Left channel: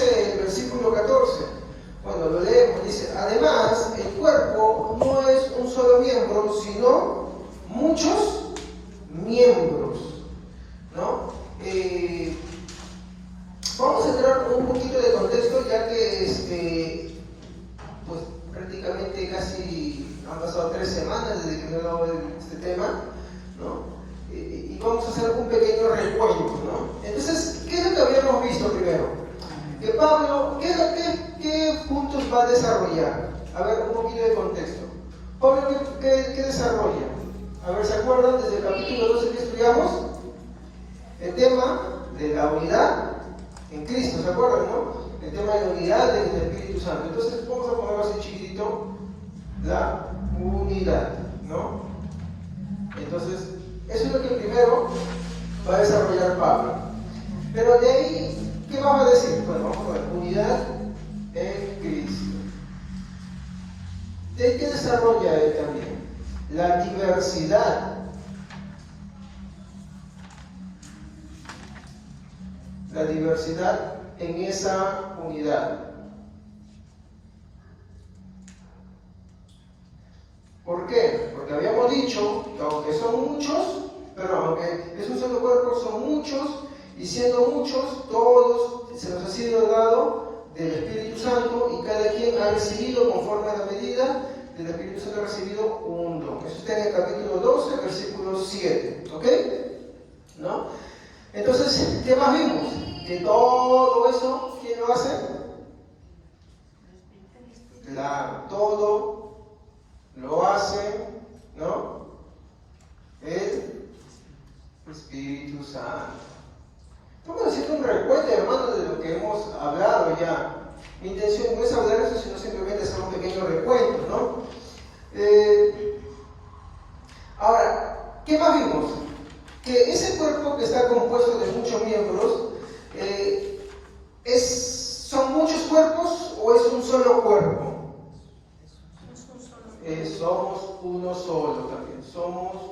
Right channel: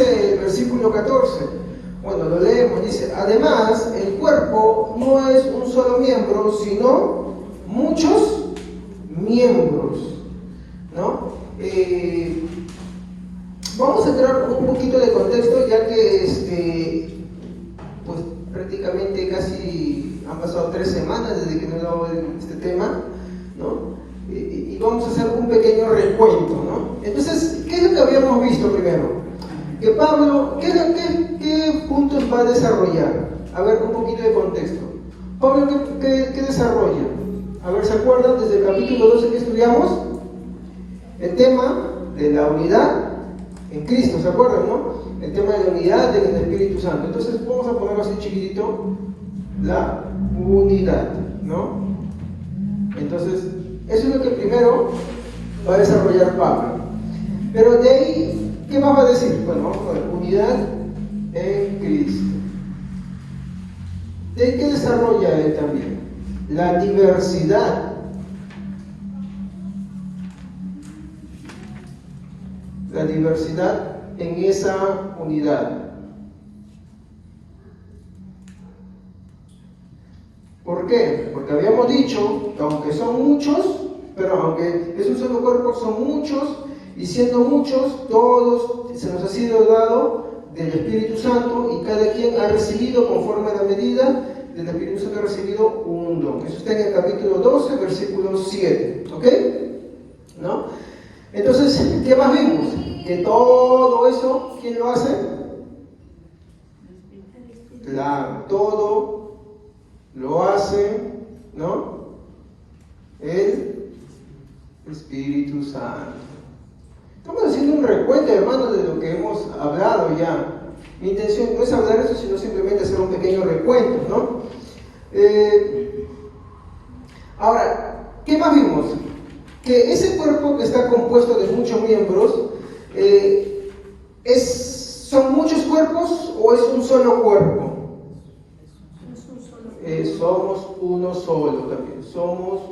dice el versículo 14? Bueno, lo leemos, dice, además, el cuerpo no es un solo miembro, sino muchos miembros, ¿no? Vamos a entrar un poquito de contexto, ya que pues prácticamente casi han pasado 3 semanas desde que me he dado este tema, ¿no? Y vamos a hacer un pequeño recuento, ¿no? Entonces, ¿qué es lo que habíamos visto primero? Que Pablo, ¿qué puntos va a desarrollar? A ver, un poquito de contexto. Pablo, ¿qué desarrolla? A ver, ¿se acuerdan desde el capítulo 12 que estudiamos? El tema de la unidad en Cristo, ¿se acuerdan, no? El tema de la unidad en el Espíritu Santo. Entonces, vamos a ponerlo así chiquitito, la unidad, ¿no? Entonces, eso es lo que primero va a desarrollar Pablo. Pero de ahí, ¿qué más va a decir? Bueno, vamos a ver, unidad en Cristo. ¿De ahí qué desarrolla él también? La diversidad. La diversidad en esa unidad. ¿Por qué? Porque habíamos dicho que aunque son muchos, pero aunque es un solo cuerpo, son muchos, y siendo muchos, todos se nos ha sido dado del Espíritu Santo, y cada quien ha recibido conforme a la medida del Espíritu Santo, ha recibido un don. Eso está en el capítulo 12, versículo 7. ¿Ok? ¿No? Entonces, ¿qué más vimos? Que todo eso, ¿quién lo hace? Claro, todo lo hace, ¿no? El Espíritu Santo. Estamos haciendo un recuento, hermanos, de lo que hemos hablado ya. Mi intención no es hablar de eso, sino simplemente hacer un pequeño recuento, ¿no? Ahora, ¿qué más vimos? Que ese cuerpo que está compuesto de muchos miembros, ¿son muchos cuerpos o es un solo cuerpo? Somos uno solo también. Somos,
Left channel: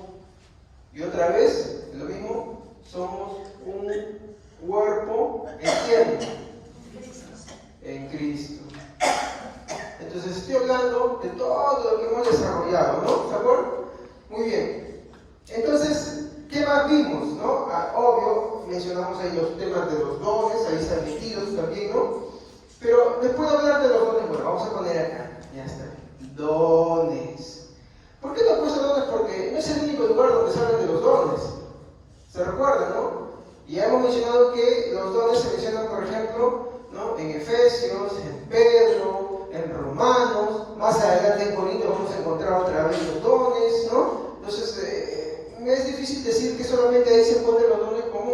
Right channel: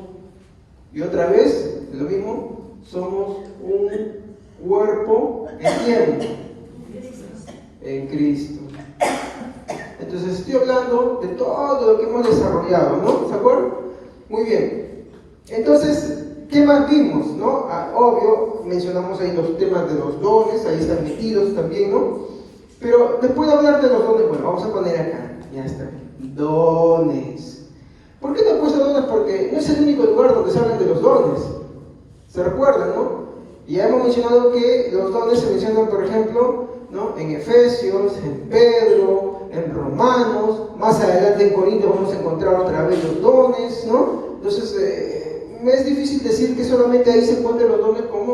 y otra vez, lo mismo, somos un cuerpo en tiempo, en Cristo. Entonces estoy hablando de todo lo que hemos desarrollado, ¿no? ¿Se acuerdan? Muy bien. Entonces, ¿qué más vimos, no? Obvio, mencionamos ahí los temas de los dones, ahí están metidos también, ¿no? Pero después de hablar de los dones, bueno, vamos a poner acá, ya está, dones. ¿Por qué no he puesto dones? Porque no es el único lugar donde se habla de los dones. ¿Se recuerdan, no? Y ya hemos mencionado que los dones se mencionan, por ejemplo, ¿no? En Efesios, en Pedro, en Romanos, más adelante en Corintios vamos a encontrar otra vez los dones, ¿no? Entonces, me es difícil decir que solamente ahí se encuentran los dones, como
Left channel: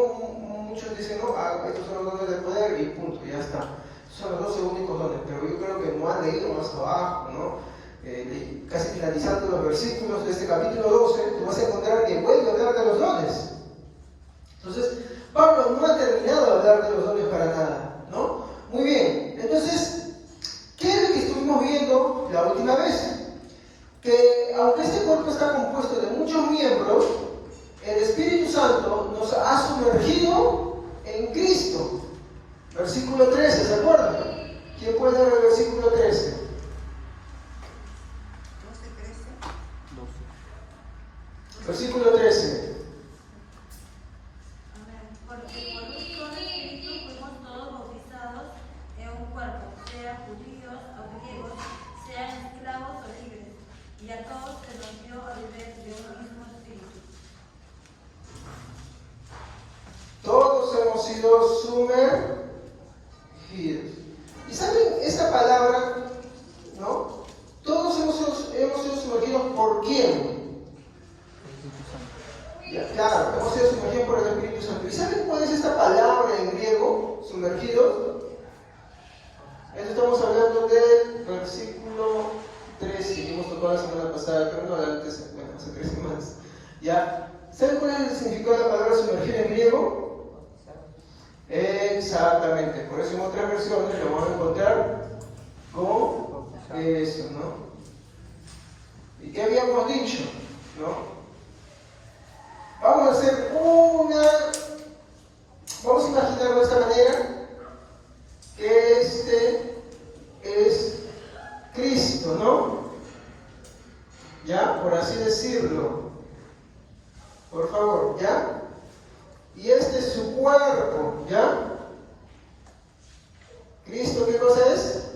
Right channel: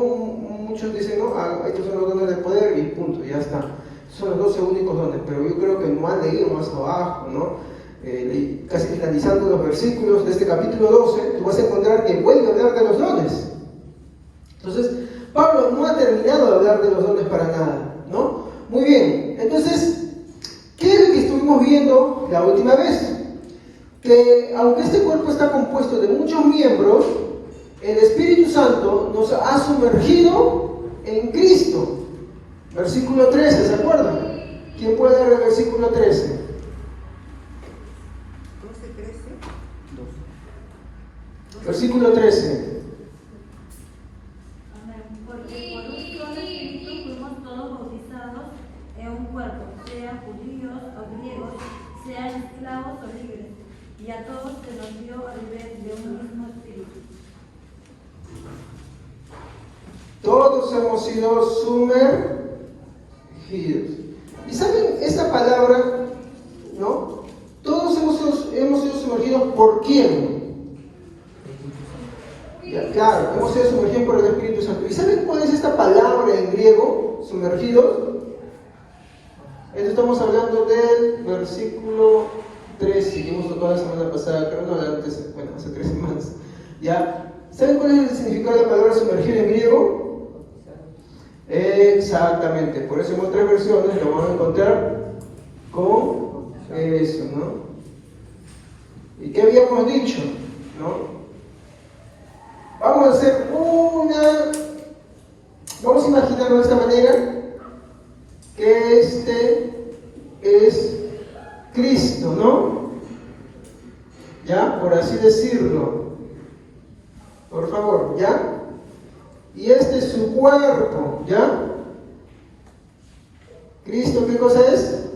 muchos dicen, ¿no? Estos son los dones del poder y punto, ya está. Son los 12 únicos dones, pero yo creo que no han leído más abajo, ¿no? Casi finalizando los versículos de este capítulo 12, tú vas a encontrar que vuelve a hablar de los dones. Entonces, Pablo no ha terminado de hablar de los dones para nada, ¿no? Muy bien, entonces, ¿qué es lo que estuvimos viendo la última vez? Que aunque este cuerpo está compuesto de muchos miembros, el Espíritu Santo nos ha sumergido en Cristo. Versículo 13, ¿se acuerdan? ¿Quién puede leer el versículo 13? 12. Versículo 13. Porque por un solo Espíritu fuimos todos bautizados en un cuerpo, sean judíos o griegos, sean esclavos o libres, y a todos se nos dio a beber de un mismo Espíritu. Todos hemos sido sumergidos. ¿Y saben esta palabra? ¿No? Todos hemos sido sumergidos ¿por quién? Claro, hemos sido sumergidos por el Espíritu Santo. ¿Y saben cuál es esta palabra en griego, sumergidos? Estamos hablando del versículo 13, que hemos tocado la semana pasada, creo que hace 3 semanas. ¿Ya? ¿Saben cuál es el significado de la palabra sumergir en griego? Exactamente, por eso hemos 3 versiones que vamos a encontrar con eso, ¿no? ¿Y qué habíamos dicho? ¿No? Vamos a hacer vamos a imaginarlo de esta manera. que este es Cristo, ¿no? ¿Ya? Por así decirlo. Por favor, ¿ya? Y este es su cuerpo, ¿ya? ¿Cristo qué cosa es?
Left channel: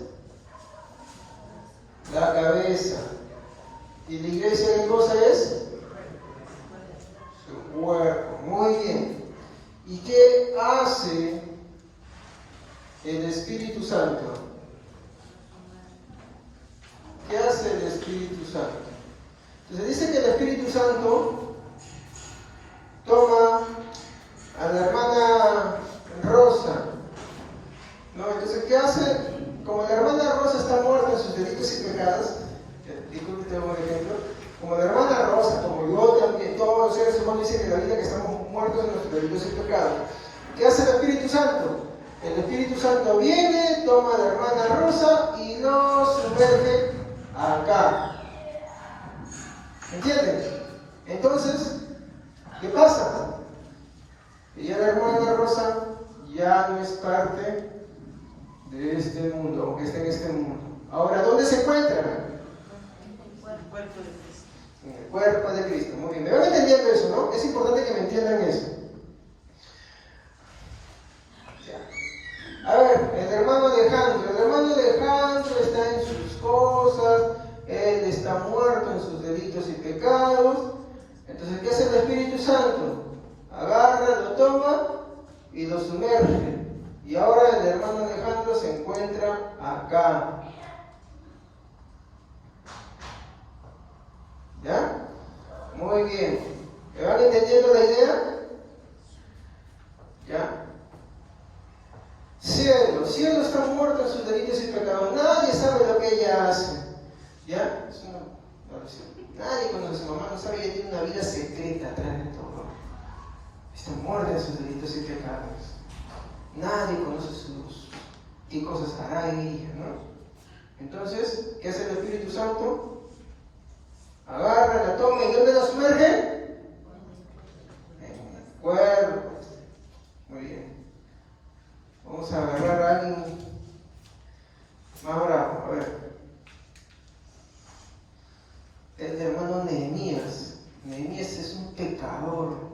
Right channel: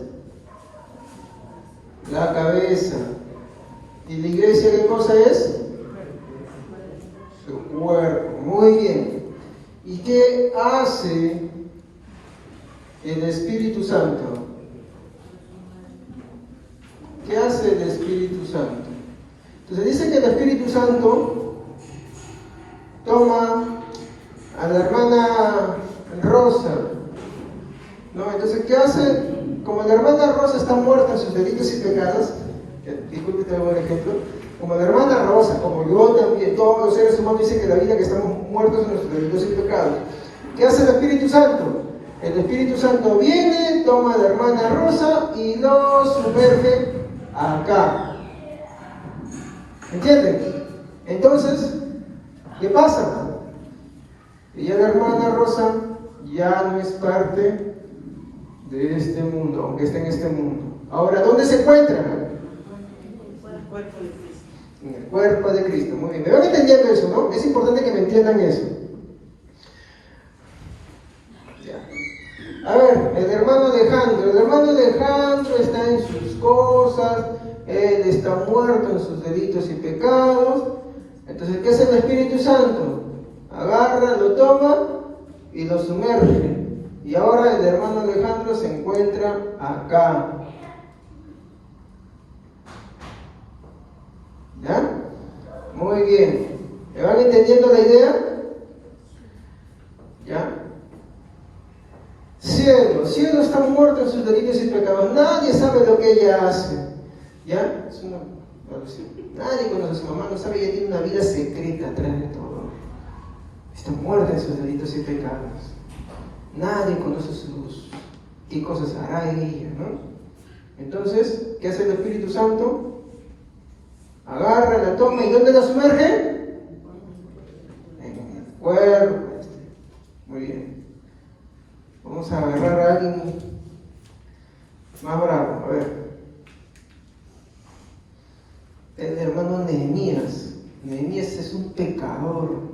La cabeza. ¿Y la iglesia qué cosa es? Su cuerpo. Muy bien. ¿Y qué hace el Espíritu Santo? ¿Qué hace el Espíritu Santo? Entonces dice que el Espíritu Santo toma a la hermana Rosa, ¿no? Entonces, ¿qué hace? Como la hermana Rosa está muerta en sus delitos y pecados, disculpe, te doy un ejemplo, como la hermana Rosa, como yo también, todos los seres humanos dicen que la vida que estamos muertos en nuestros delitos y pecados, ¿qué hace el Espíritu Santo? El Espíritu Santo viene, toma a la hermana Rosa y lo sumerge acá. ¿Entienden? Entonces, ¿qué pasa? Que ya la hermana Rosa ya no es parte de este mundo, aunque esté en este mundo. Ahora, ¿dónde se encuentra? En el cuerpo de Cristo. Muy bien. ¿Me van entendiendo eso, no? Es importante que me entiendan eso. Ya. A ver, el hermano Alejandro. El hermano Alejandro está en sus cosas. Él está muerto en sus delitos y pecados. Entonces, ¿qué hace el Espíritu Santo? Agarra, lo toma y lo sumerge. Y ahora el hermano Alejandro se encuentra acá. ¿Ya? Muy bien. ¿Me van entendiendo la idea? ¿Ya? Cielo. Cielo está muerto en sus delitos y pecados. Nadie sabe lo que ella hace. ¿Ya? Es una evaluación. Nadie conoce a su mamá, no sabe, ella tiene una vida secreta atrás de todo. Está muerta en sus delitos y pecados. Nadie conoce qué cosas hará ella, ¿no? Entonces, ¿qué hace el Espíritu Santo? Agarra, la toma y ¿dónde la sumerge? En el cuerpo. Muy bien. Vamos a agarrar a alguien más bravo, a ver. El hermano Nehemías. Nehemías es un pecador.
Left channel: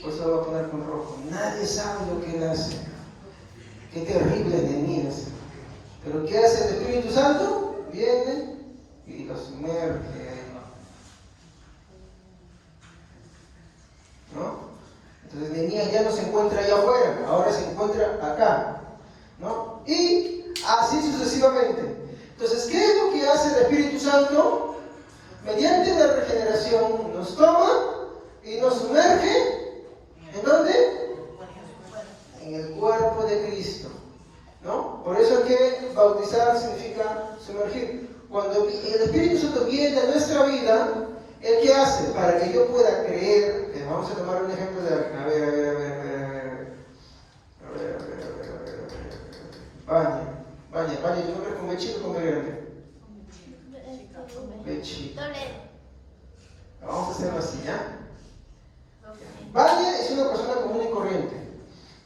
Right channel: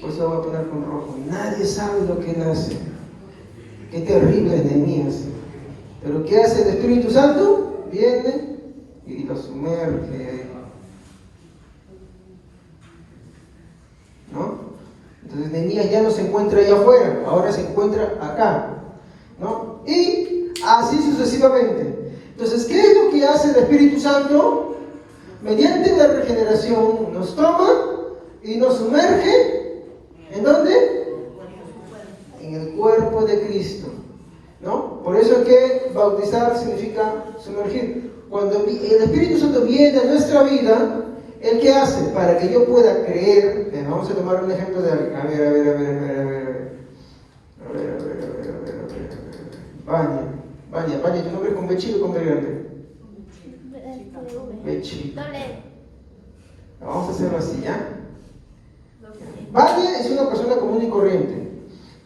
Por eso voy a poner con rojo. Nadie sabe lo que él hace. Qué terrible es Nehemías. Pero ¿qué hace el Espíritu Santo? Viene y lo sumerge. ¿No? Entonces Nehemías ya no se encuentra allá afuera, ahora se encuentra acá. ¿No? Y así sucesivamente. Entonces, ¿qué es lo que hace el Espíritu Santo? Mediante la regeneración nos toma y nos sumerge. ¿En dónde? En el cuerpo de Cristo. ¿No? Por eso es que bautizar significa sumergir. Cuando el Espíritu Santo viene a nuestra vida, ¿el qué hace? Para que yo pueda creer. Vamos a tomar un ejemplo de... A ver. Baña, tu nombre con B chico y con B grande. B chico. Vamos a hacerlo así, ¿ya? Baña es una persona común y corriente.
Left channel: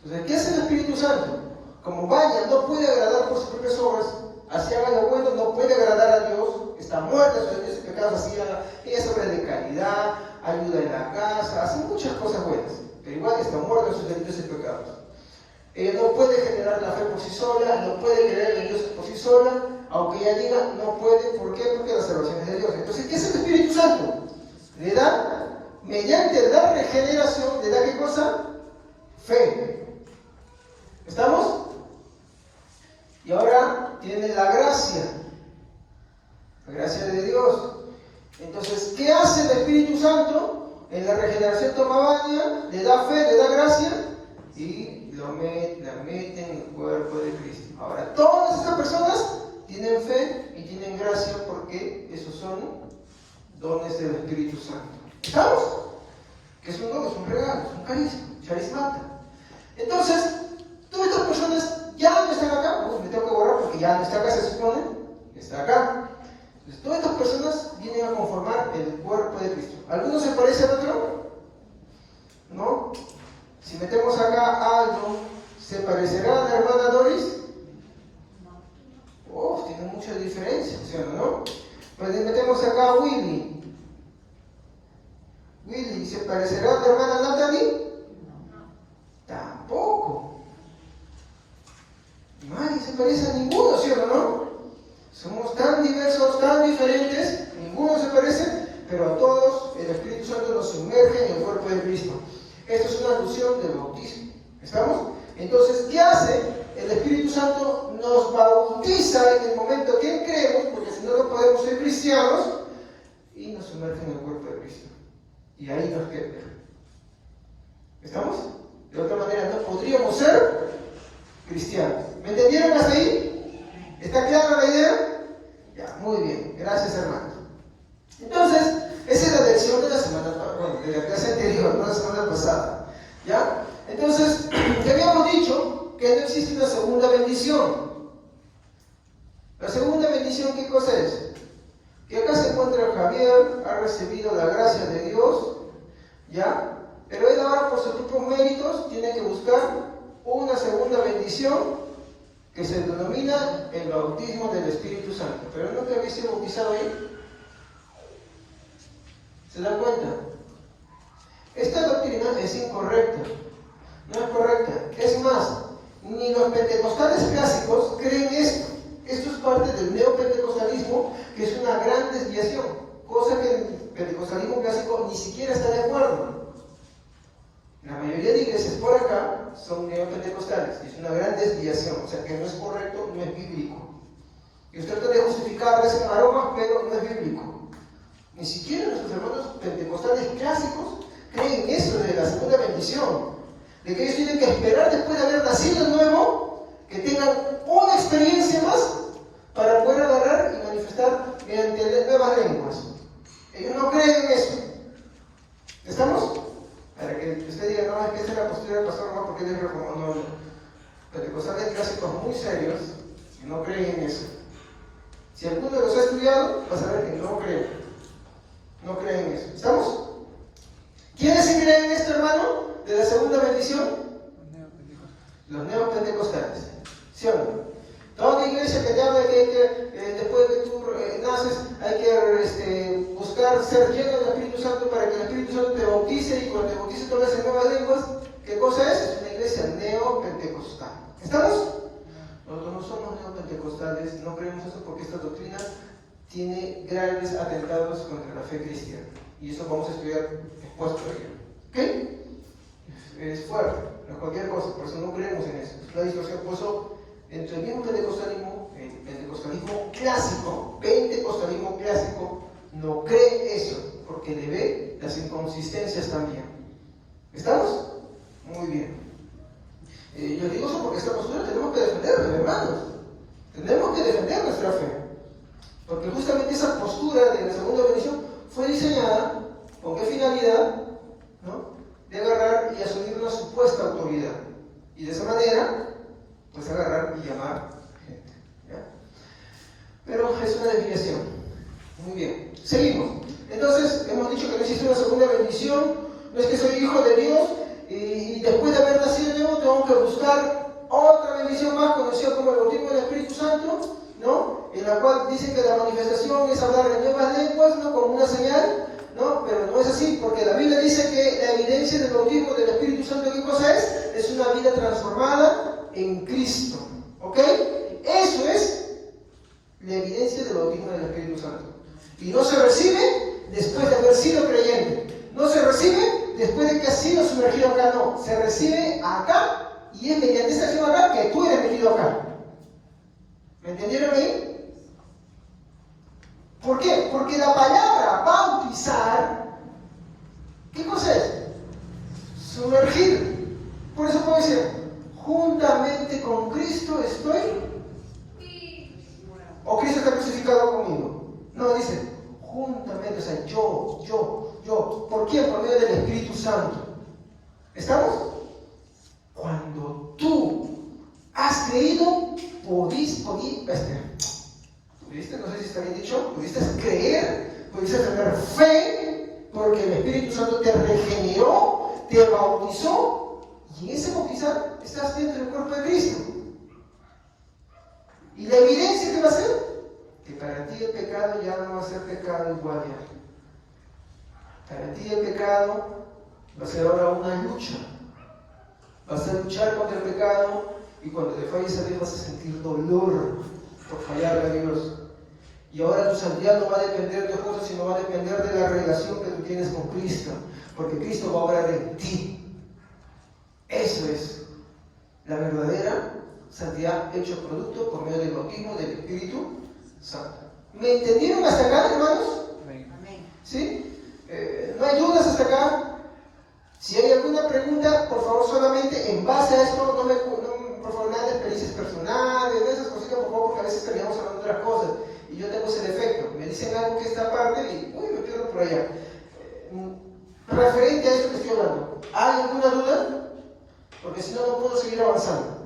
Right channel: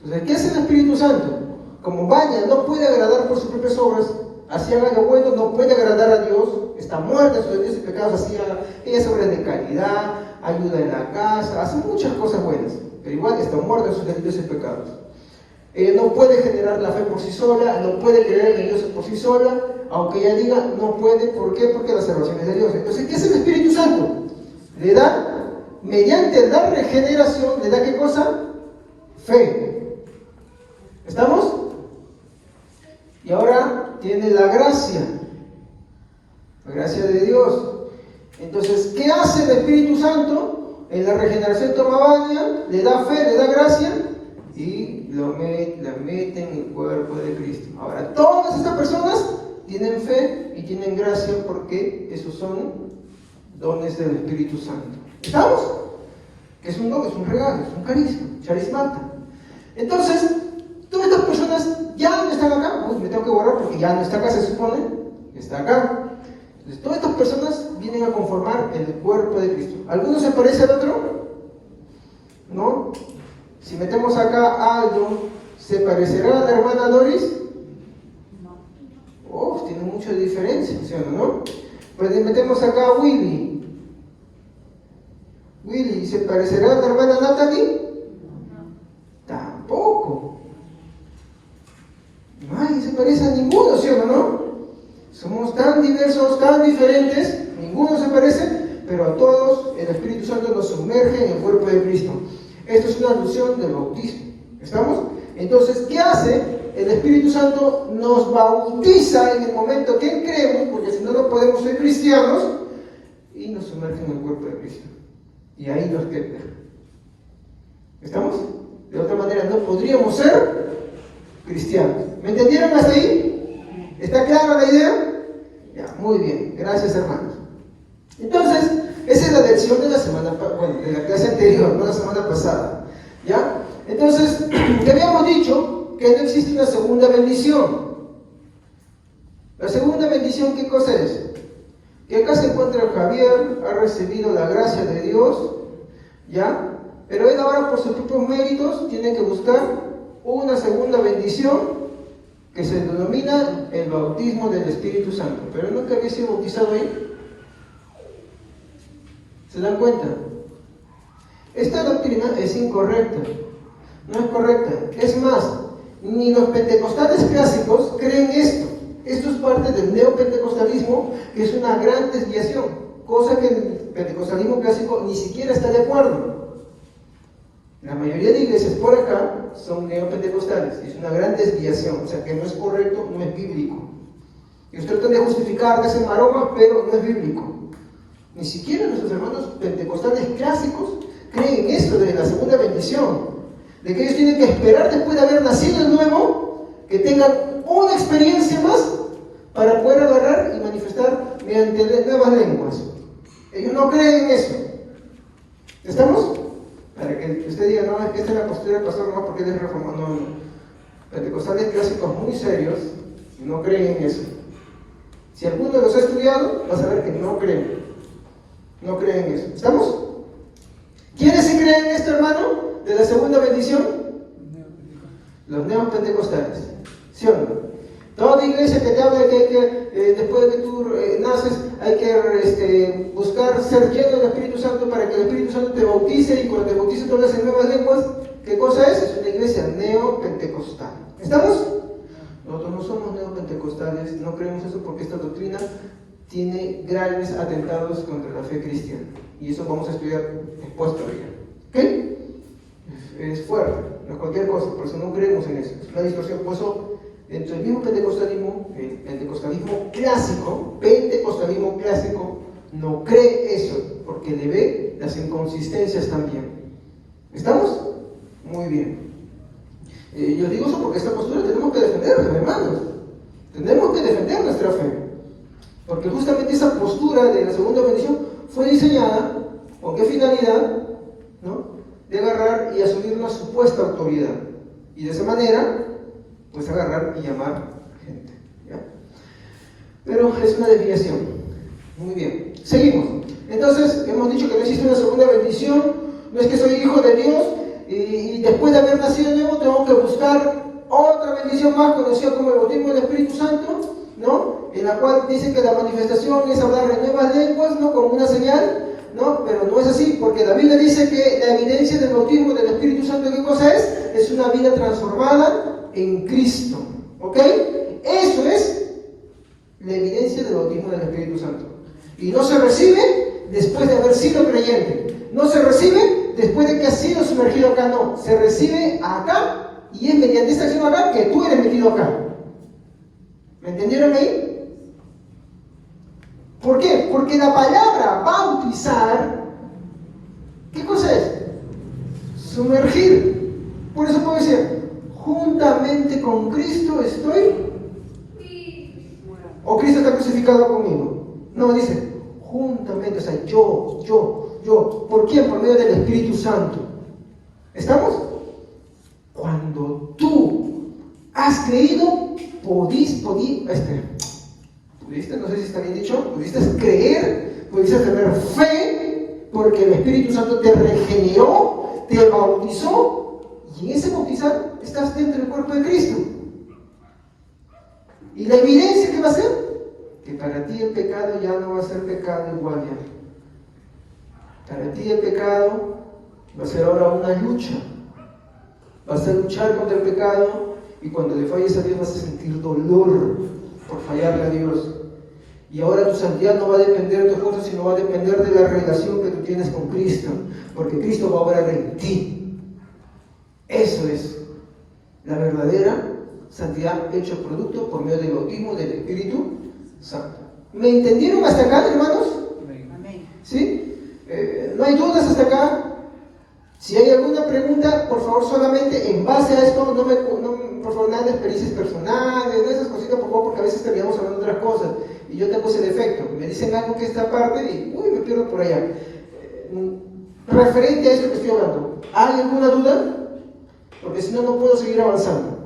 Entonces, ¿qué hace el Espíritu Santo? Como Baña no puede agradar por sus propias obras, así haga lo bueno, no puede agradar a Dios, está muerta en sus delitos y pecados, así haga, ella es obra de caridad, ayuda en la casa, hace muchas cosas buenas, pero igual está muerta en sus delitos y pecados. Ella no puede generar la fe por sí sola, no puede creer en Dios por sí sola, aunque ella diga no puede. ¿Por qué? Porque la salvación es de Dios. Entonces, ¿qué es el Espíritu Santo? Le da, mediante la regeneración, le da ¿qué cosa? Fe. ¿Estamos? Y ahora tiene la gracia de Dios. Entonces, ¿qué hace el Espíritu Santo? En la regeneración toma baña, le da fe, le da gracia y la mete en el cuerpo de Cristo. Ahora, todas estas personas tienen fe y tienen gracia porque esos son dones del Espíritu Santo. ¿Estamos? Que es un don, es un regalo, es un carisma. Entonces, todas estas personas ya no están acá. Pues me tengo que borrar porque ya no está acá, se supone que está acá. Entonces, todas estas personas vienen a conformar el cuerpo de Cristo. ¿Alguno se parece al otro? ¿No? Si metemos acá algo, ¿Se parecerá a la hermana Doris? Oh, tiene mucha diferencia, ¿sí o no? Pues le metemos acá a Willy. Willy, ¿se parecerá a la hermana Natalie? Tampoco. Nadie se parece a ninguno, ¿sí o no? Somos tan diversos, tan diferentes, ninguno se parece, pero a todos el Espíritu Santo nos sumerge en el cuerpo de Cristo. Esto es una alusión del bautismo. ¿Estamos? Entonces, ¿qué hace? El Espíritu Santo nos bautiza en el momento que creemos, porque si no, no podemos ser cristianos, y nos sumerge en el cuerpo de Cristo. Y ahí nos queda. ¿Estamos? De otra manera, no podríamos ser cristianos. ¿Me entendieron hasta ahí? ¿Está clara la idea? Ya, muy bien. Gracias, hermanos. Entonces, esa es la lección de la semana, de la clase anterior, no la semana pasada. ¿Ya? Entonces, ya habíamos dicho que no existe una segunda bendición. La segunda bendición, ¿qué cosa es? Que acá se encuentra Javier, ha recibido la gracia de Dios, ¿ya? Pero él ahora por sus propios méritos tiene que buscar una segunda bendición que se denomina el bautismo del Espíritu Santo. Pero nunca había sido bautizado ahí. ¿Se dan cuenta? Esta doctrina es incorrecta. No es correcta. Es más, ni los pentecostales clásicos creen esto. Esto es parte del neopentecostalismo, que es una gran desviación, cosa que el pentecostalismo clásico ni siquiera está de acuerdo. La mayoría de iglesias por acá son neopentecostales, y es una gran desviación, o sea que no es correcto, no es bíblico. Y usted puede justificar, hacer maromas, pero no es bíblico. Ni siquiera nuestros hermanos pentecostales clásicos creen eso de la segunda bendición, de que ellos tienen que esperar después de haber nacido de nuevo, que tengan una experiencia más para poder agarrar y manifestar mediante nuevas lenguas. Ellos no creen en eso. ¿Estamos? Para que usted diga, no, es que esta es la postura del pastor nomás porque él es reformado. No, no. Pentecostales clásicos muy serios no creen en eso. Si alguno de los ha estudiado, va a saber que no creen. No creen en eso. ¿Estamos? ¿Quiénes sí creen en esto, hermano? De la segunda bendición. Los neopentecostales. ¿Sí o no? Toda iglesia que te habla que hay que, después de que tú naces, hay que buscar ser lleno del Espíritu Santo para que el Espíritu Santo te bautice y cuando te bautice te hablas en nuevas lenguas. ¿Qué cosa es? Es una iglesia neopentecostal. ¿Estamos? Nosotros no somos neopentecostales, no creemos eso porque esta doctrina tiene grandes atentados contra la fe cristiana. Y eso vamos a estudiar después todavía. ¿Ok? Es fuerte, no es cualquier cosa, por eso no creemos en eso. Es una distorsión, por eso entre el mismo pentecostalismo, el pentecostalismo clásico, no cree eso, porque le ve las inconsistencias también. ¿Estamos? Muy bien. Yo digo eso porque esta postura tenemos que defenderla, hermanos. Tenemos que defender nuestra fe. Porque justamente esa postura de la segunda bendición fue diseñada, ¿con qué finalidad? ¿No? De agarrar y asumir una supuesta autoridad. Y de esa manera, pues agarrar y llamar gente. ¿Ya? Pero es una desviación. Muy bien. Seguimos. Entonces, hemos dicho que no existe una segunda bendición. No es que soy hijo de Dios y después de haber nacido de nuevo tengo que buscar otra bendición más conocida como el bautismo del Espíritu Santo, ¿no? En la cual dice que la manifestación es hablar en nuevas lenguas, ¿no? Como una señal. ¿No? Pero no es así, porque la Biblia dice que la evidencia del bautismo del Espíritu Santo, ¿qué cosa es? Es una vida transformada en Cristo. ¿Ok? Eso es la evidencia del bautismo del Espíritu Santo. Y no se recibe después de haber sido creyente. No se recibe después de que has sido sumergido acá, no. Se recibe acá y es mediante esta acción acá que tú eres metido acá. ¿Me entendieron ahí? ¿Por qué? Porque la palabra bautizar, ¿qué cosa es? Sumergir. Por eso puede ser, juntamente con Cristo estoy, o Cristo está crucificado conmigo. No, dice, juntamente, o sea, yo. ¿Por quién? Por medio del Espíritu Santo. ¿Estamos? Cuando tú has creído, pudiste, no sé si está bien dicho, pudiste creer, pudiste tener fe, porque el Espíritu Santo te regeneró, te bautizó Y en ese bautizar estás dentro del cuerpo de Cristo. ¿Y la evidencia qué va a ser? Que para ti el pecado ya no va a ser pecado igual ya. Para ti el pecado va a ser ahora una lucha. Vas a luchar contra el pecado y cuando le falles a Dios vas a sentir dolor por fallarle a Dios. Y ahora tu santidad no va a depender de tu esposo, sino va a depender de la relación que tú tienes con Cristo, porque Cristo va a obrar en ti. Eso es la verdadera santidad hecho producto por medio del bautismo del Espíritu Santo. ¿Me entendieron hasta acá, hermanos? Amén. ¿Sí? ¿No hay dudas hasta acá? Si hay alguna pregunta, por favor, solamente en base a esto, por favor, nada de experiencias personales, de esas cositas, por favor, porque a veces terminamos hablando de otras cosas y yo tengo ese defecto. Me dicen algo que esta parte y, me pierdo por allá. Referente a eso que estoy hablando, ¿hay alguna duda? Porque si no, no puedo seguir avanzando.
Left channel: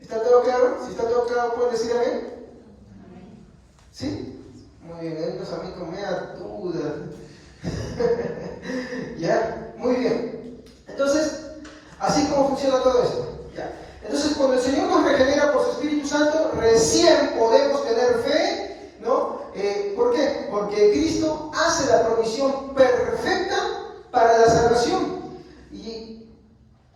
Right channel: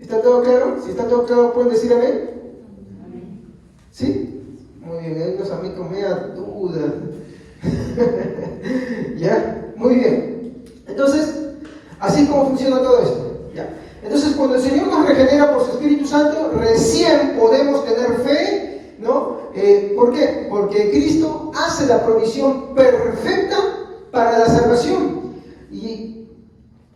¿Está todo claro? Si está todo claro, ¿pueden decir amén? ¿Sí? Muy bien, hay unos amigos me da dudas. ¿Ya? Muy bien. Entonces, así es como funciona todo esto. ¿Ya? Entonces, cuando el Señor nos regenera por su Espíritu Santo, recién podemos tener fe, ¿no? ¿Por qué? Porque Cristo hace la provisión perfecta para la salvación. ¿Y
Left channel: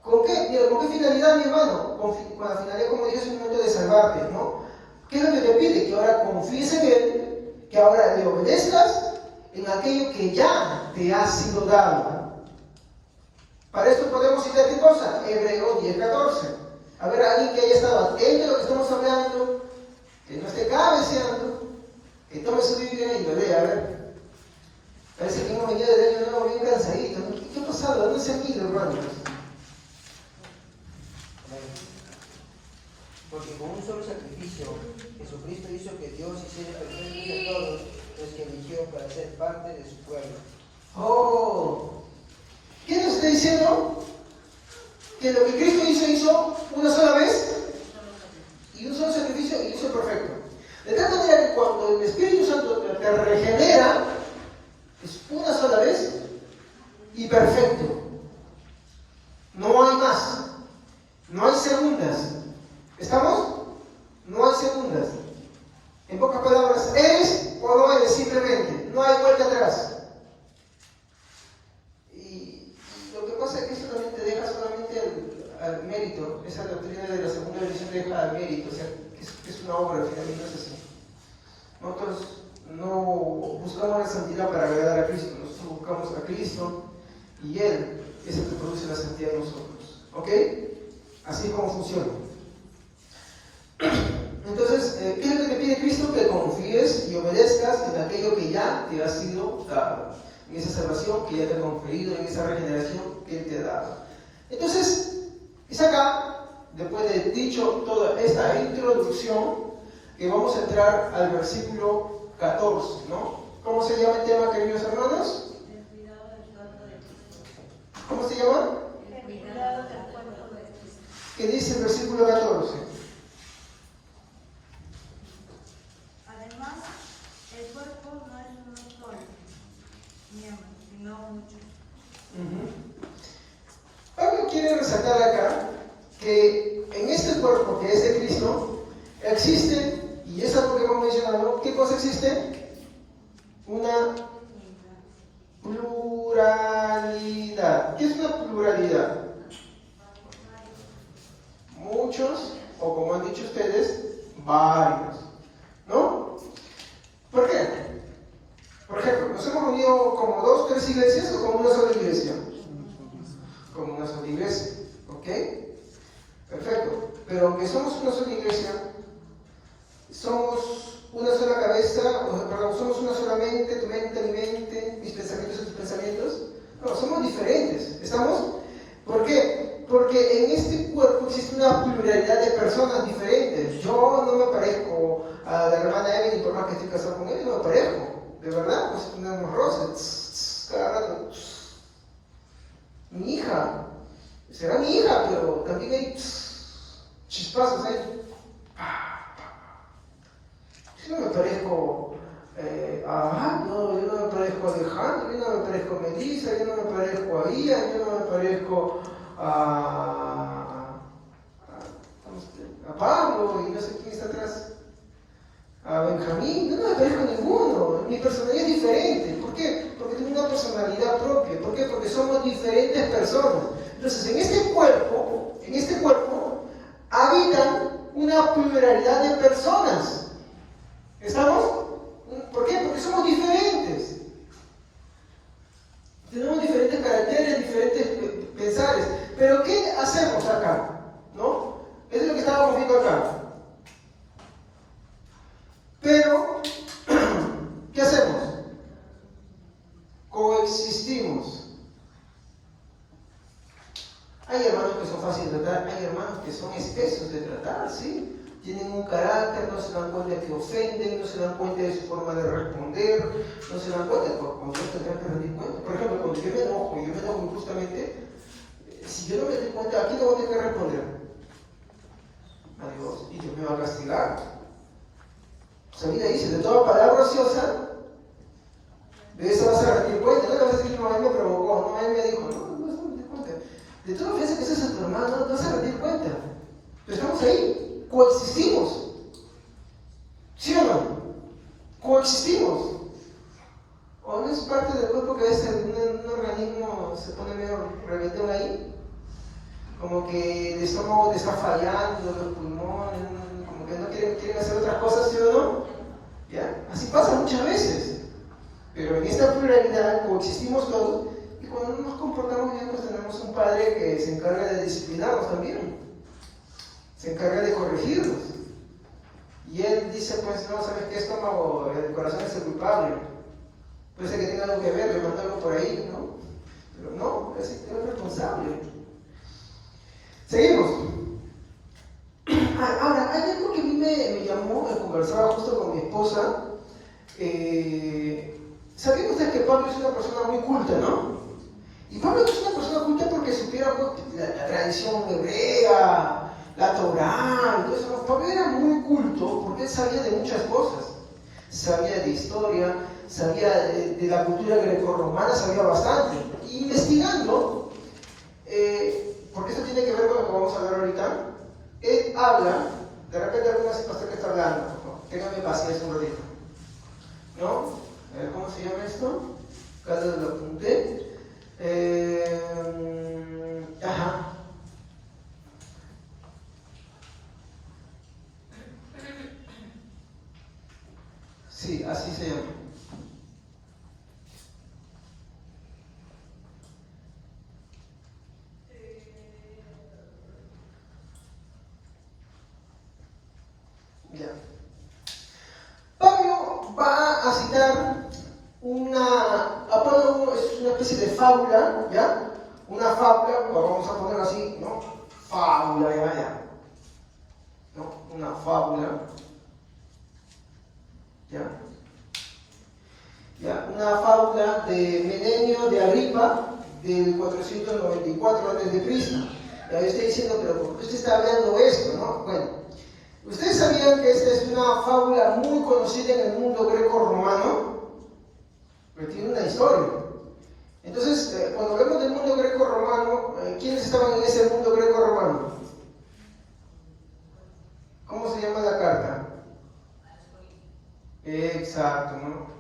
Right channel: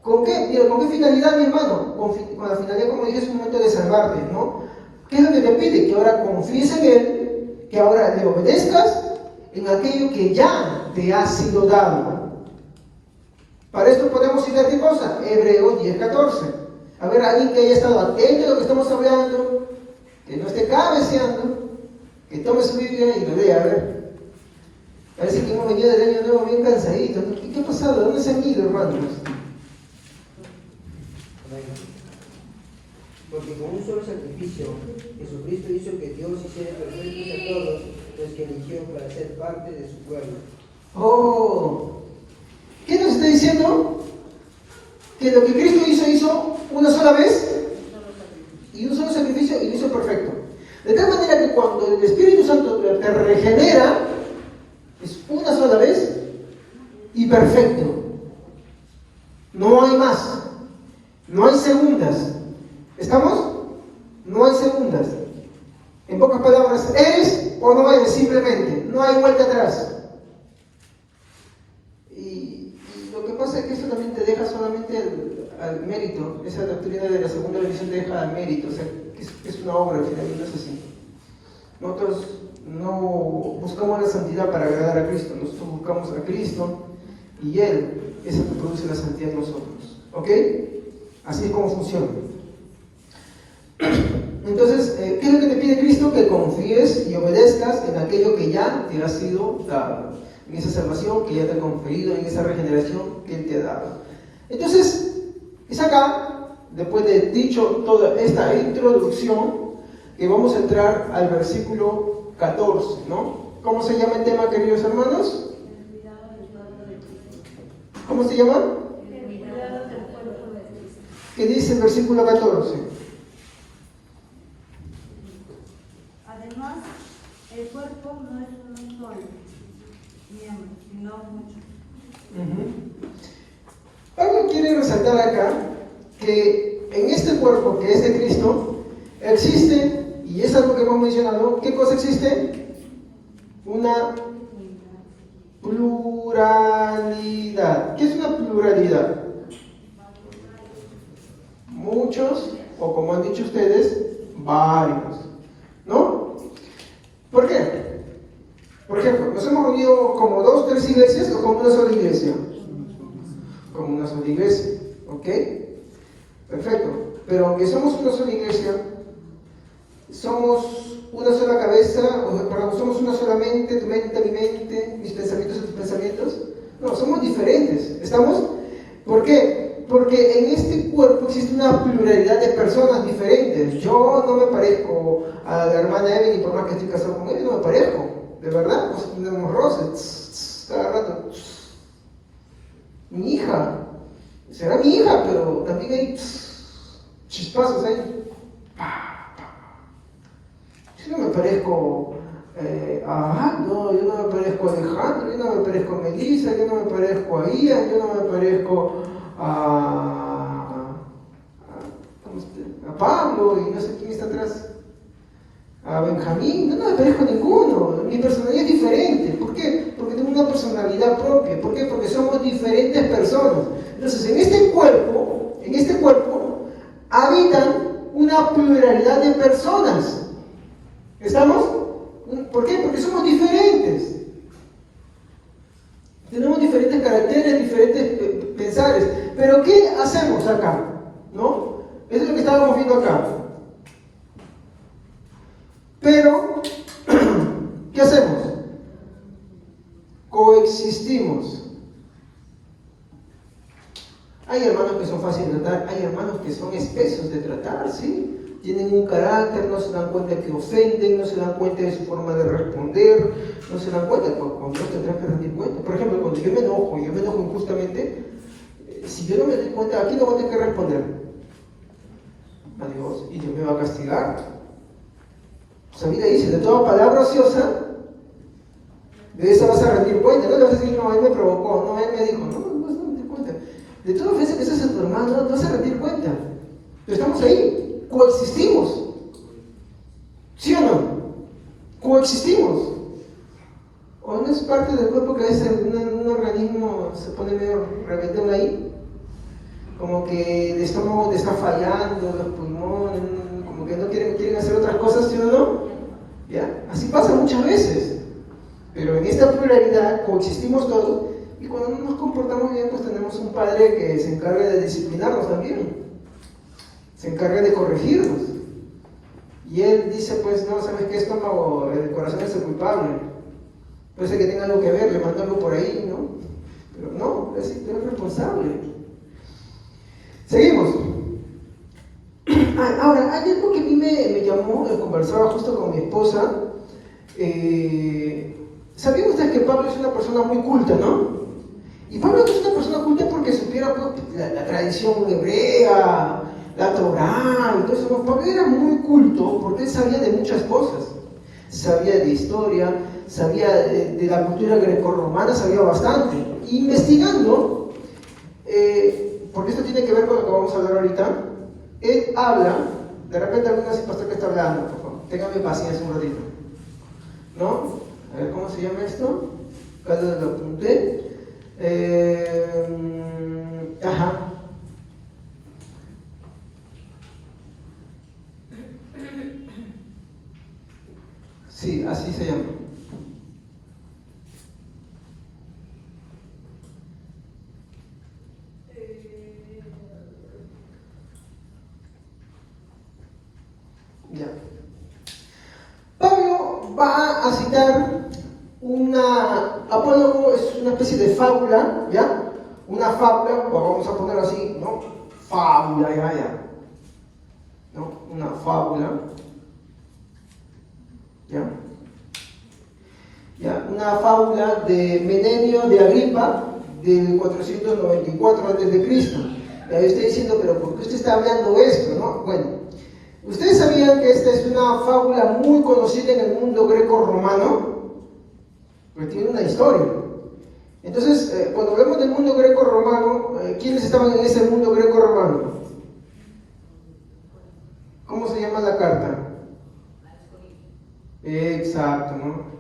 con qué? Mira, ¿con qué finalidad, mi hermano? Con la finalidad, como dije, es un momento de salvarte, ¿no? ¿Qué es lo que te pide? Que ahora confíes en Él, que ahora le obedezcas en aquello que ya te ha sido dado. Para esto podemos citar qué cosa, Hebreos 10:14. A ver, alguien que haya estado atento a lo que estamos hablando, que no esté cabeceando, que tome su Biblia y lo lea, a ver. Parece que hemos venido del año nuevo bien cansadito. ¿Qué ha pasado? ¿Dónde se han ido, hermanos? Porque con un solo sacrificio, Jesucristo hizo que Dios hiciera perfectos a todos los que eligió para ser parte de su pueblo. Oh, ¿qué nos está diciendo? Que lo que Cristo hizo una sola vez y un solo sacrificio y lo hizo perfecto. De tal manera que cuando el Espíritu Santo te regenera, es una sola vez y perfecto. No hay más, no hay segundas. ¿Estamos? No hay segundas. En pocas palabras, eres o no eres, simplemente. No hay vuelta atrás. Y lo que pasa es que eso también te deja solamente al mérito. Esa doctrina de la segunda bendición te deja al mérito. O sea, que es una obra, al final no es así. Nosotros no buscamos la santidad para agradar a Cristo. Nosotros buscamos a Cristo y Él es el que produce la santidad en nosotros. ¿Ok? Así es como funciona. Entonces, ¿qué es lo que te pide Cristo? Que confíes y obedezcas en aquello que ya te ha sido dado, en esa salvación que ya te ha conferido, en esa regeneración que Él te ha dado. Entonces, es acá, después de dicho toda esta introducción, que vamos a entrar al versículo 14, ¿no? ¿Cómo se llama el tema, queridos hermanos? ¿Cómo se llama? ¿Qué dice el versículo 14? Además, el cuerpo no es un solo miembro, sino muchos. Pablo quiere resaltar acá que en este cuerpo que es de Cristo existe, y es algo que hemos mencionado, ¿qué cosa existe? Una pluralidad. ¿Qué es una pluralidad? Muchos, o como han dicho ustedes, varios, ¿no? ¿Por qué? Por ejemplo, nos hemos unido como 2 o 3 iglesias o como una sola iglesia. Como una sola iglesia, ¿ok? Perfecto. Pero aunque somos una sola iglesia, somos una sola cabeza, perdón, somos una sola mente, tu mente, mi mente, mis pensamientos y tus pensamientos. No, somos diferentes. ¿Estamos? ¿Por qué? Porque en este cuerpo existe una pluralidad de personas diferentes. Yo no me parezco a la hermana Evelyn, por más que estoy casado con ella, no me parezco. De verdad, nos ponemos rosas, cada rato. Mi hija, será mi hija, pero también hay chispazos ahí. Yo no me parezco no, yo no me parezco a Alejandro, yo no me parezco a Melissa, yo no me parezco a Ian, yo no me parezco a Pablo y no sé quién está atrás, a Benjamín, no me parezco a ninguno, mi personalidad es diferente. ¿Por qué? Porque tengo una personalidad propia. ¿Por qué? Porque somos diferentes personas. Entonces, en este cuerpo habitan una pluralidad de personas. ¿Estamos? ¿Por qué? Porque somos diferentes. Tenemos diferentes caracteres, diferentes pensares. Pero ¿qué hacemos acá? ¿No? Eso es lo que estábamos viendo acá. Pero, ¿qué hacemos? Coexistimos. Hay hermanos que son fáciles de tratar, hay hermanos que son espesos de tratar, ¿sí? Tienen un carácter, no se dan cuenta que ofenden, no se dan cuenta de su forma de responder, no se dan cuenta, cuando Dios tendrá que rendir cuenta. Por ejemplo, cuando yo me enojo injustamente, si yo no me doy cuenta, ¿a quién le voy a tener que responder? A Dios, y Dios me va a castigar. La Biblia dice, de toda palabra ociosa, de esa vas a rendir cuenta. No le vas a decir, no, él me provocó, no, él me dijo, no vas a rendir cuenta. De toda ofensa que haces a tu hermano, no vas a rendir cuenta. Pero estamos ahí, coexistimos. ¿Sí o no? Coexistimos. ¿O no es parte del cuerpo que a veces un organismo se pone medio rebelde ahí? Como que el estómago te está fallando, los pulmones, como que no quieren hacer otras cosas, ¿sí o no? ¿Ya? Así pasa muchas veces. Pero en esta pluralidad coexistimos todos y cuando no nos comportamos bien, pues tenemos un padre que se encarga de disciplinarnos también, se encarga de corregirnos. Y él dice, pues no, ¿sabes qué? Estómago, el corazón es el culpable. Puede ser que tenga algo que ver, levantarlo por ahí, ¿no? Pero no, es responsable. Seguimos. Ahora, hay algo que a mí me llamó, conversaba justo con mi esposa. ¿Sabían ustedes que Pablo es una persona muy culta, no? Y Pablo es una persona culta porque supiera la tradición hebrea, la Torá y todo eso. Pablo era muy culto porque él sabía de muchas cosas. Sabía de historia, sabía de la cultura grecorromana, sabía bastante. Investigando, porque esto tiene que ver con lo que vamos a hablar ahorita, él habla, de repente alguna pastor que está hablando, téngame paciencia un ratito, ¿no? A ver, ¿cómo se llama esto? Acá lo apunté. Ajá. Sí, así se llama. Ya. Pablo va a citar Apolo es una especie de fábula, ¿ya? Una fábula, vamos a ponerlo así, ¿no? Fábula, ya. ¿No? Una fábula, ¿ya? Una fábula de Menenio de Agripa del 494 a.C. Ya estoy diciendo, pero ¿por qué usted está hablando esto, no? Bueno, ¿ustedes sabían que esta es una fábula muy conocida en el mundo greco-romano? Pero tiene una historia. Entonces, cuando hablamos del mundo greco-romano, ¿quiénes estaban en ese mundo greco-romano? ¿Cómo se llama la carta? Exacto, ¿no?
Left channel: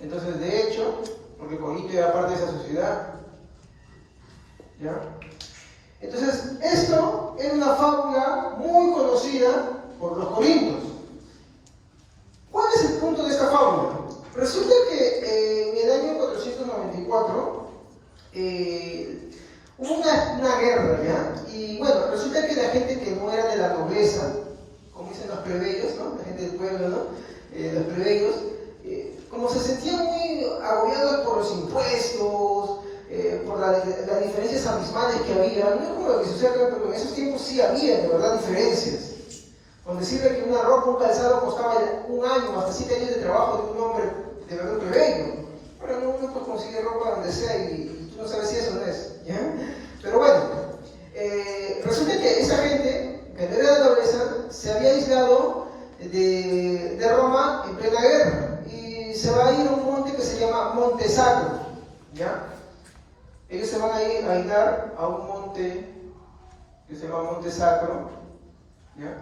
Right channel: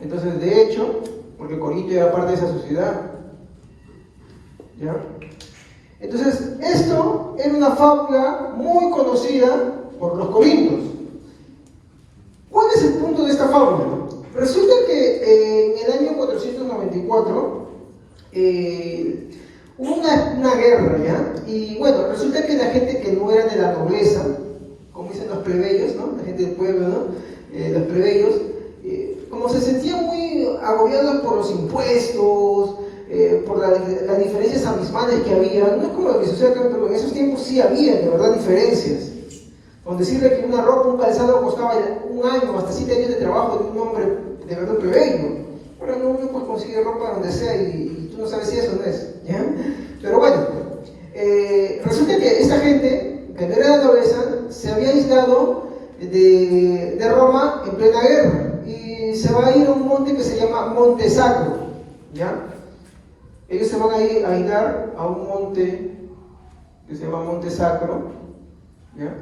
Entonces, de hecho, porque Corinto era parte de esa sociedad, ¿ya? Entonces, esto era una fábula muy conocida por los corintios. ¿Cuál es el punto de esta fábula? Resulta que en el año 494 hubo una guerra, ¿ya? Y bueno, resulta que la gente que no era de la nobleza, como dicen los plebeyos, ¿no? La gente del pueblo, ¿no? Los plebeyos, como se sentían muy agobiados por los impuestos, por las diferencias abismales que había, no es como lo que sucede acá, pero en esos tiempos sí había, de verdad, diferencias. Con decirle que una ropa, un calzado costaba un año, hasta 7 años de trabajo de un hombre de verdad plebeyo. Ahora no puede conseguir ropa donde sea y tú no sabes si eso no es, ¿ya? Pero bueno, resulta que esta gente, que no era de la nobleza, se había aislado de Roma plena guerra, y se va a ir a un monte que se llama Monte Sacro, ¿ya? Ellos se van a ir a un monte que se llama Monte Sacro, ¿ya?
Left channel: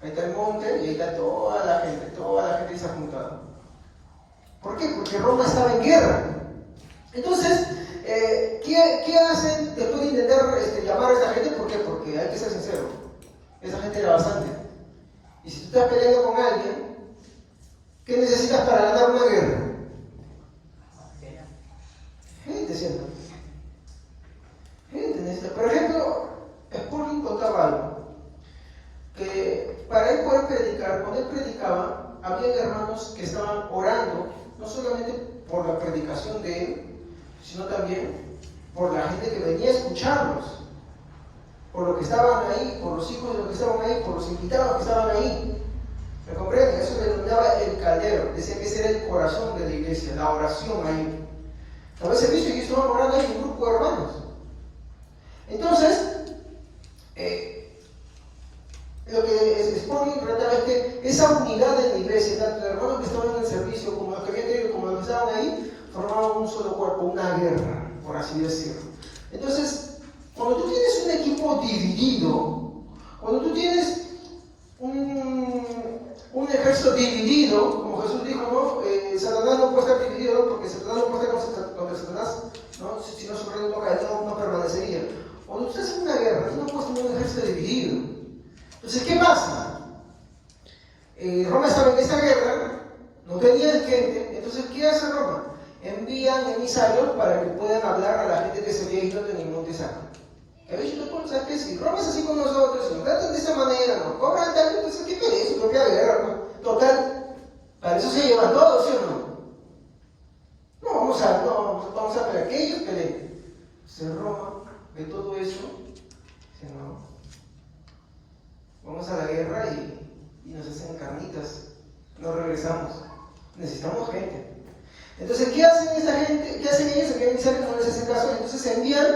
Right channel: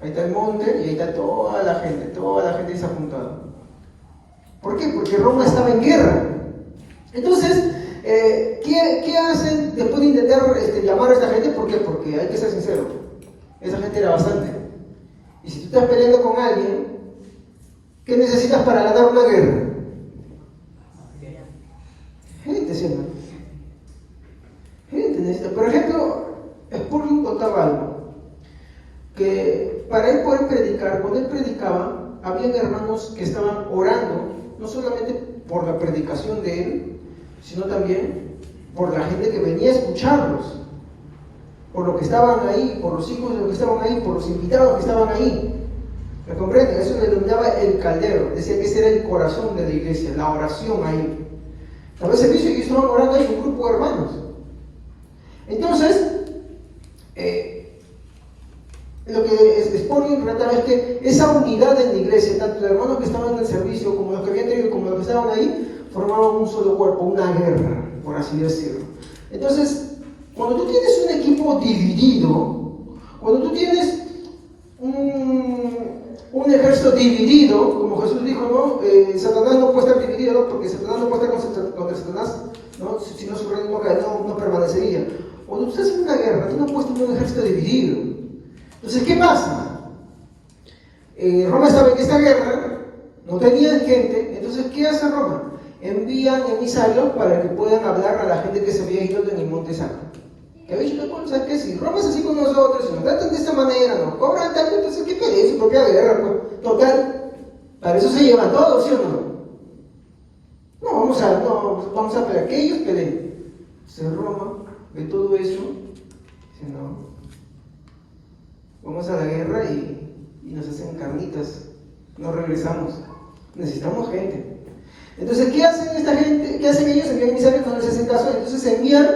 Ahí está el monte y ahí está toda la gente se ha juntado. ¿Por qué? Porque Roma estaba en guerra. Entonces, ¿qué hacen después de intentar llamar a esta gente? ¿Por qué? Porque hay que ser sincero, esa gente era bastante. Y si tú estás peleando con alguien, ¿qué necesitas para ganar una guerra? Gente, ¿cierto? Gente necesita. Por ejemplo, Spurgeon contaba algo, que para él poder predicar, cuando él predicaba, había hermanos que estaban orando, no solamente por la predicación de él, sino también por la gente que venía a escucharlos, por los que estaban ahí, por los hijos de los que estaban ahí, por los invitados que estaban ahí. ¿Me comprenden? Eso le denominaba el caldero, decía que ese era el corazón de la iglesia, la oración ahí. Estaba el servicio y estaban orando ahí un grupo de hermanos. Entonces, lo que Spurgeon trataba es que esa unidad en la iglesia, tanto de hermanos que estaban en el servicio como los que habían tenido, como los que estaban ahí, formaban un solo cuerpo, una guerra, por así decirlo. Entonces, cuando tú tienes un equipo dividido, cuando tú tienes un ejército dividido, como Jesús dijo, ¿no? Satanás no puede estar dividido, ¿no? Porque Satanás no puede estar contra Satanás, ¿no? Si no se prende no permanecería. Cuando tú estás en una guerra, tú no puedes tener un ejército dividido. Entonces, ¿qué pasa? Roma estaba en esta guerra, no tenía gente, entonces, ¿qué hace Roma? Envían emisarios para que puedan hablar a la gente que se había ido de Monte Sacro. Que había dicho, bueno, ¿sabes qué? Si Roma es así con nosotros, si nos tratan de esta manera, nos cobran tanto, entonces, ¿qué pelea? Es su propia guerra, ¿no? Total, para eso se llevan todos, ¿sí o no? No, vamos a pelear, que ellos peleen. Entonces, Roma ve todo eso, dice, no. Vamos a la guerra y nos hacen carnitas, no regresamos, necesitamos gente. Entonces, ¿qué hacen esta gente? ¿Qué hacen ellos? Envían emisarios, no les hacen caso, entonces envían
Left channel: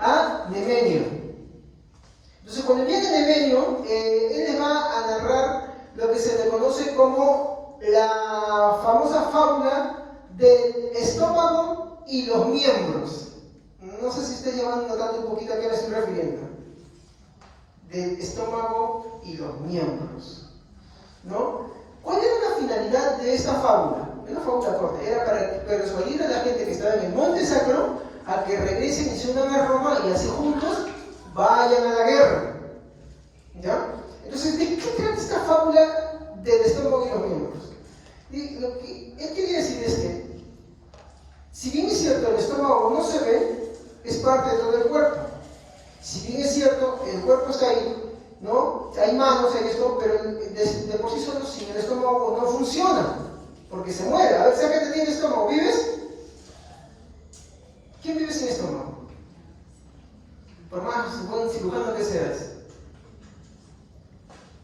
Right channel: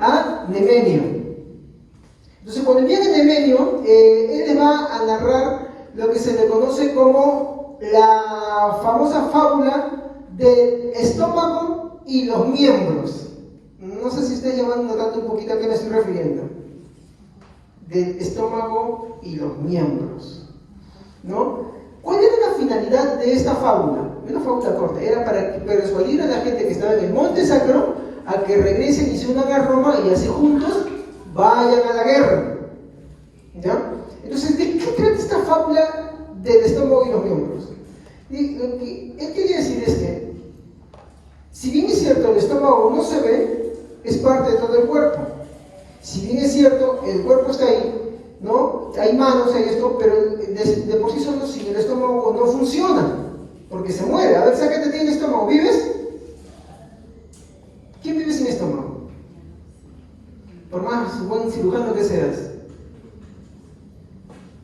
a Nemenio. Entonces, cuando envían a Nemenio, él les va a narrar lo que se le conoce como la famosa fábula del estómago y los miembros. No sé si estoy notando un poquito a qué me estoy refiriendo. Del estómago y los miembros, ¿no? ¿Cuál era la finalidad de esta fábula? Una fábula corta, era para persuadir a la gente que estaba en el Monte Sacro a que regresen y se unan a Roma y así juntos vayan a la guerra, ¿ya? Entonces, ¿de qué trata esta fábula del estómago y los miembros? Y lo que él quería decir es que, si bien es cierto, el estómago no se ve, es parte de todo el cuerpo. Si bien es cierto, el cuerpo está ahí, ¿no? Hay manos en esto, pero de por sí solo, si el estómago no funciona, porque se muere. A ver, ¿sabes qué te tiene el estómago? ¿Vives? ¿Quién vive sin estómago? Por más buen cirujano que seas.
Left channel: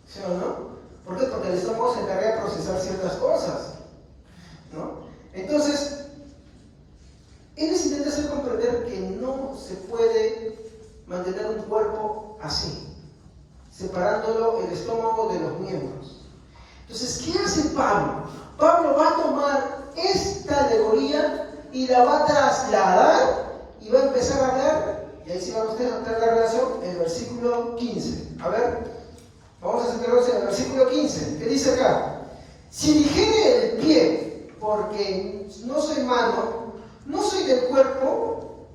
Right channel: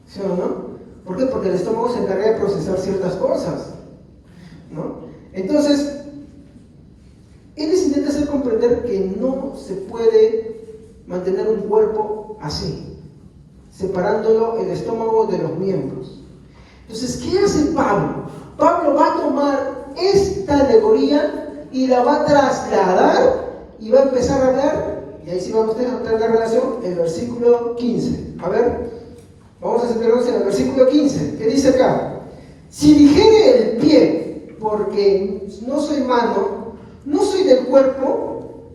¿Sí o no? ¿Por qué? Porque el estómago se encarga de procesar ciertas cosas, ¿no? Entonces, él les intenta hacer comprender que no se puede mantener un cuerpo así, separándolo el estómago de los miembros. Entonces, ¿qué hace Pablo? Pablo va a tomar esta alegoría y la va a trasladar y va a empezar a hablar, y ahí sí van ustedes a tener la relación, el versículo 15. A ver, vamos a centrarnos en el versículo 15, que dice acá: si dijere el pie, porque no soy mano, no soy del cuerpo,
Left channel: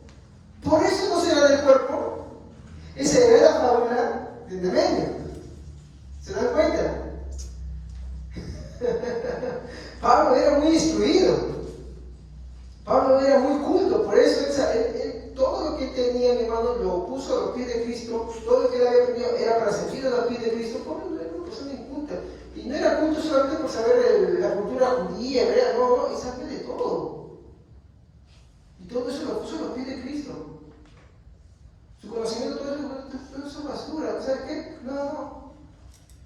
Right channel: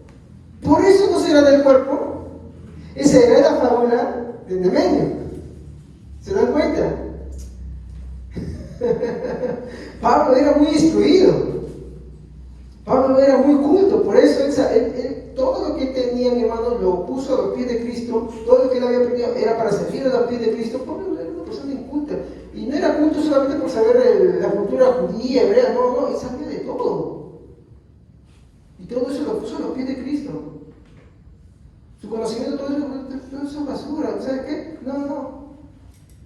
por eso no será del cuerpo. Esa era la fábula de Nemenio. ¿Se dan cuenta? Pablo era muy instruido. Pablo era muy culto. Por eso él todo lo que tenía, mi hermano, lo puso a los pies de Cristo. Todo lo que él había aprendido era para servir a los pies de Cristo. Pablo era una persona inculta. Y no era culto solamente por saber la cultura judía, hebrea. No, él sabía de todo. Y todo eso lo puso a los pies de Cristo. Su conocimiento, todo eso es basura. ¿Sabes qué? No.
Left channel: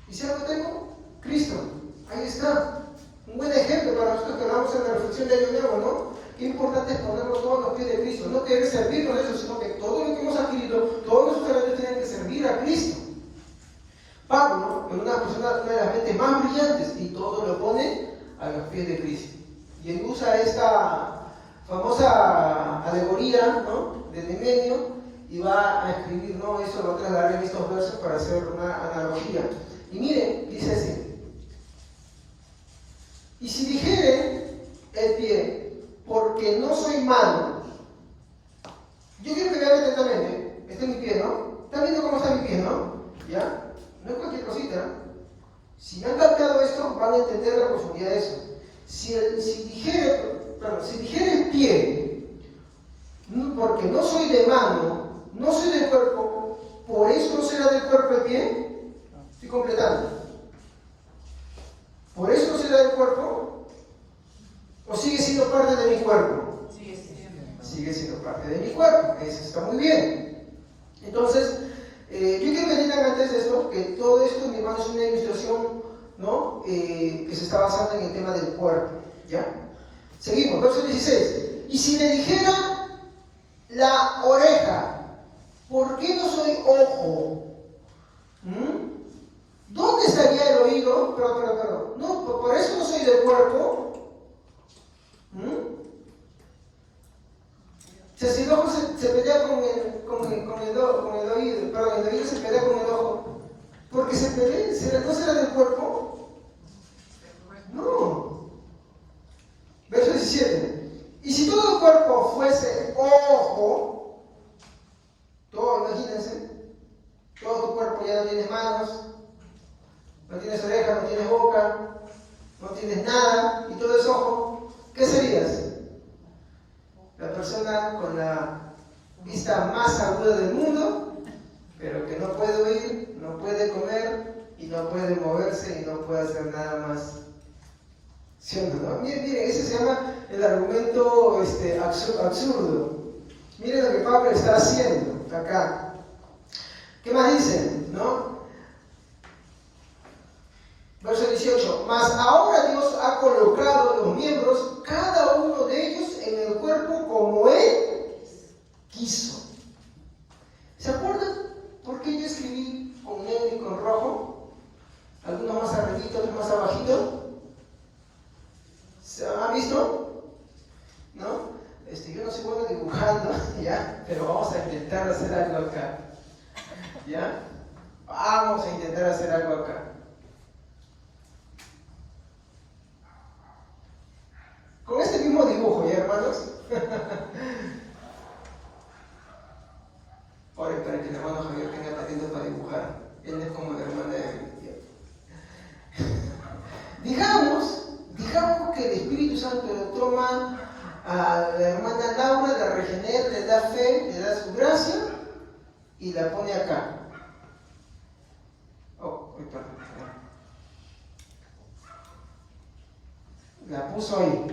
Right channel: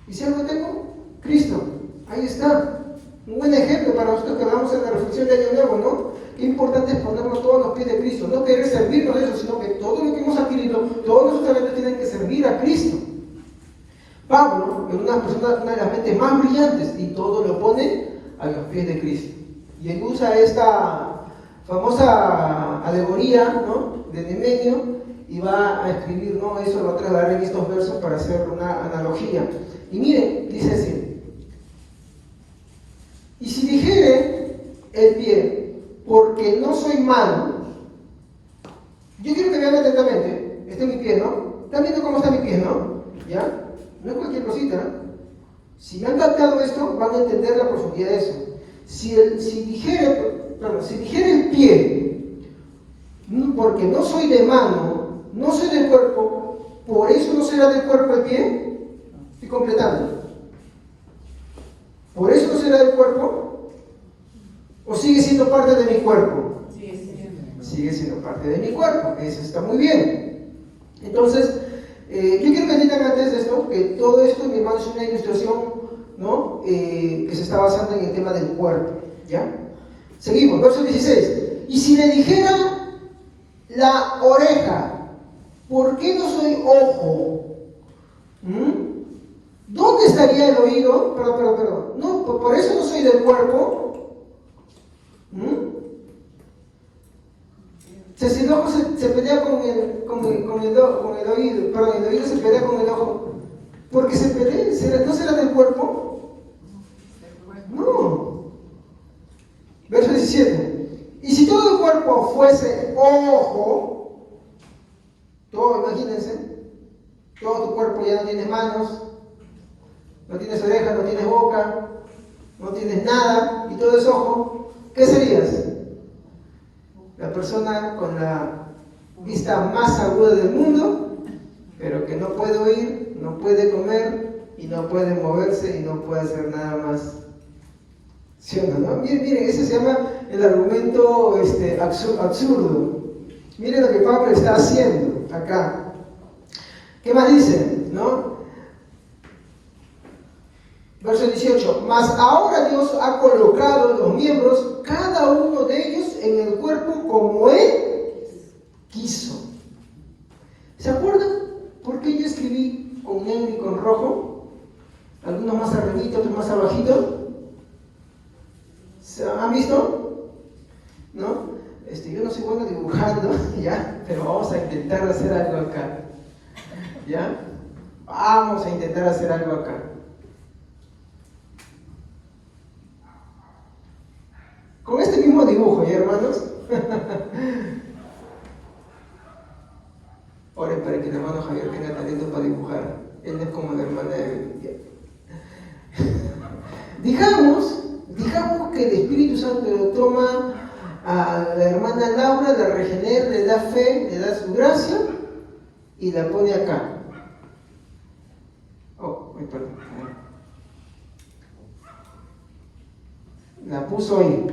¿Y si algo tengo? Cristo. Ahí está. Un buen ejemplo para nosotros que hablamos en la reflexión de Año Nuevo, ¿no? Qué importante es ponernos todos a los pies de Cristo. No querer servirnos de eso, sino que todo lo que hemos adquirido, todos nuestros talentos tienen que servir a Cristo. Pablo es una persona, una de las mentes más brillantes, y todo lo pone a los pies de Cristo. Y él usa esta famosa alegoría, ¿no?, de Nemenio, y va a escribir, ¿no?, eso, va a trasladar en estos versos para hacer una analogía. Y miren, dice así: y si dijere el pie, porque no soy mano, yo quiero que vean atentamente, este es mi pie, ¿no? Están viendo cómo está mi pie, ¿no? ¿Ya? No es cualquier cosita. Si me han captado esto, van a entender la profundidad de eso. Si dijere el pie, porque no soy de mano, no soy del cuerpo, por eso no será del cuerpo el pie. Estoy completando. ¿Por eso no será del cuerpo? ¿O sigue siendo parte de mi cuerpo? Sigue siendo parte de mi cuerpo. Eso está muy bien. Entonces, yo quiero que entiendan antes de esto, que todo esto, mi hermano, es una ilustración, ¿no?, que se está basando en el tema del cuerpo. ¿Ya? Seguimos, verso 16. Y si le dijera la oreja, ¿por qué no soy ojo? ¿Dónde estaría el oído? Perdón. No, por eso no soy del cuerpo. O sea, si el ojo se pelea con el oído, perdón, el oído se pelea con el ojo, ¿porque se pelea? ¿No será del cuerpo? No. Verso 17. Y si todo el cuerpo fuese ojo, todo, imagínense, todo tu cuerpo ya no tienes manos, no tienes orejas, no tienes boca, no tienes nada, y todo es ojo, ¿qué serías? La persona con la vista más aguda del mundo, pero que no puede oír, no puede comer, y no puede moverse, y no puede hacer nada más. ¿Sí o no? Miren, ese se llama el argumento absurdo. Miren lo que Pablo está haciendo acá. ¿Qué más dice? ¿No? Verso 18. Mas ahora Dios ha colocado los miembros, cada uno de ellos, en el cuerpo como Él quiso. ¿Se acuerdan por qué yo escribí con negro y con rojo? Algunos más arribita, otros más abajito. ¿Se han visto? ¿No? Yo no soy bueno dibujando, ¿ya? Pero vamos a intentar hacer algo acá. ¿Ya? Vamos a intentar hacer algo acá. Con este mismo dibujo, ¿ya, hermanos? Oren para que el hermano Javier tenga talento para dibujar. Él es como la hermana de... Digamos que el Espíritu Santo lo toma a la hermana Laura, la regenera, le da fe, le da su gracia y la pone acá. Perdón. La puso ahí.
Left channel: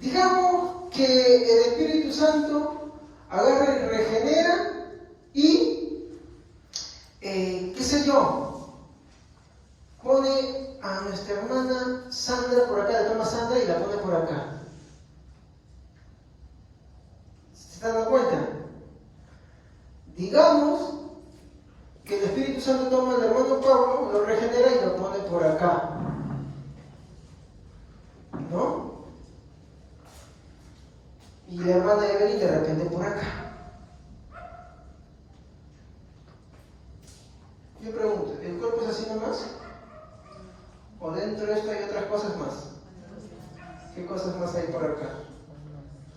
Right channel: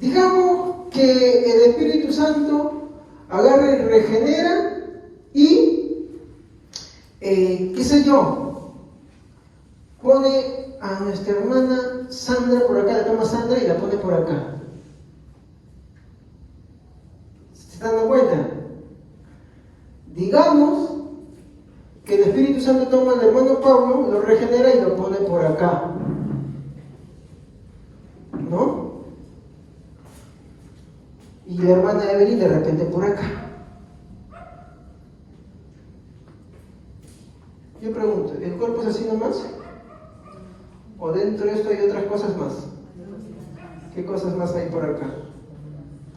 Digamos que el Espíritu Santo agarra y regenera y, qué sé yo, pone a nuestra hermana Sandra por acá, la toma Sandra y la pone por acá. ¿Se están dando cuenta? Digamos que el Espíritu Santo toma al hermano Pablo, lo regenera y lo pone por acá. ¿No? Y la hermana Evelyn de repente por acá. Yo pregunto, ¿el cuerpo es así nomás? ¿O dentro de esto hay otras cosas más? ¿Qué cosas más hay por acá?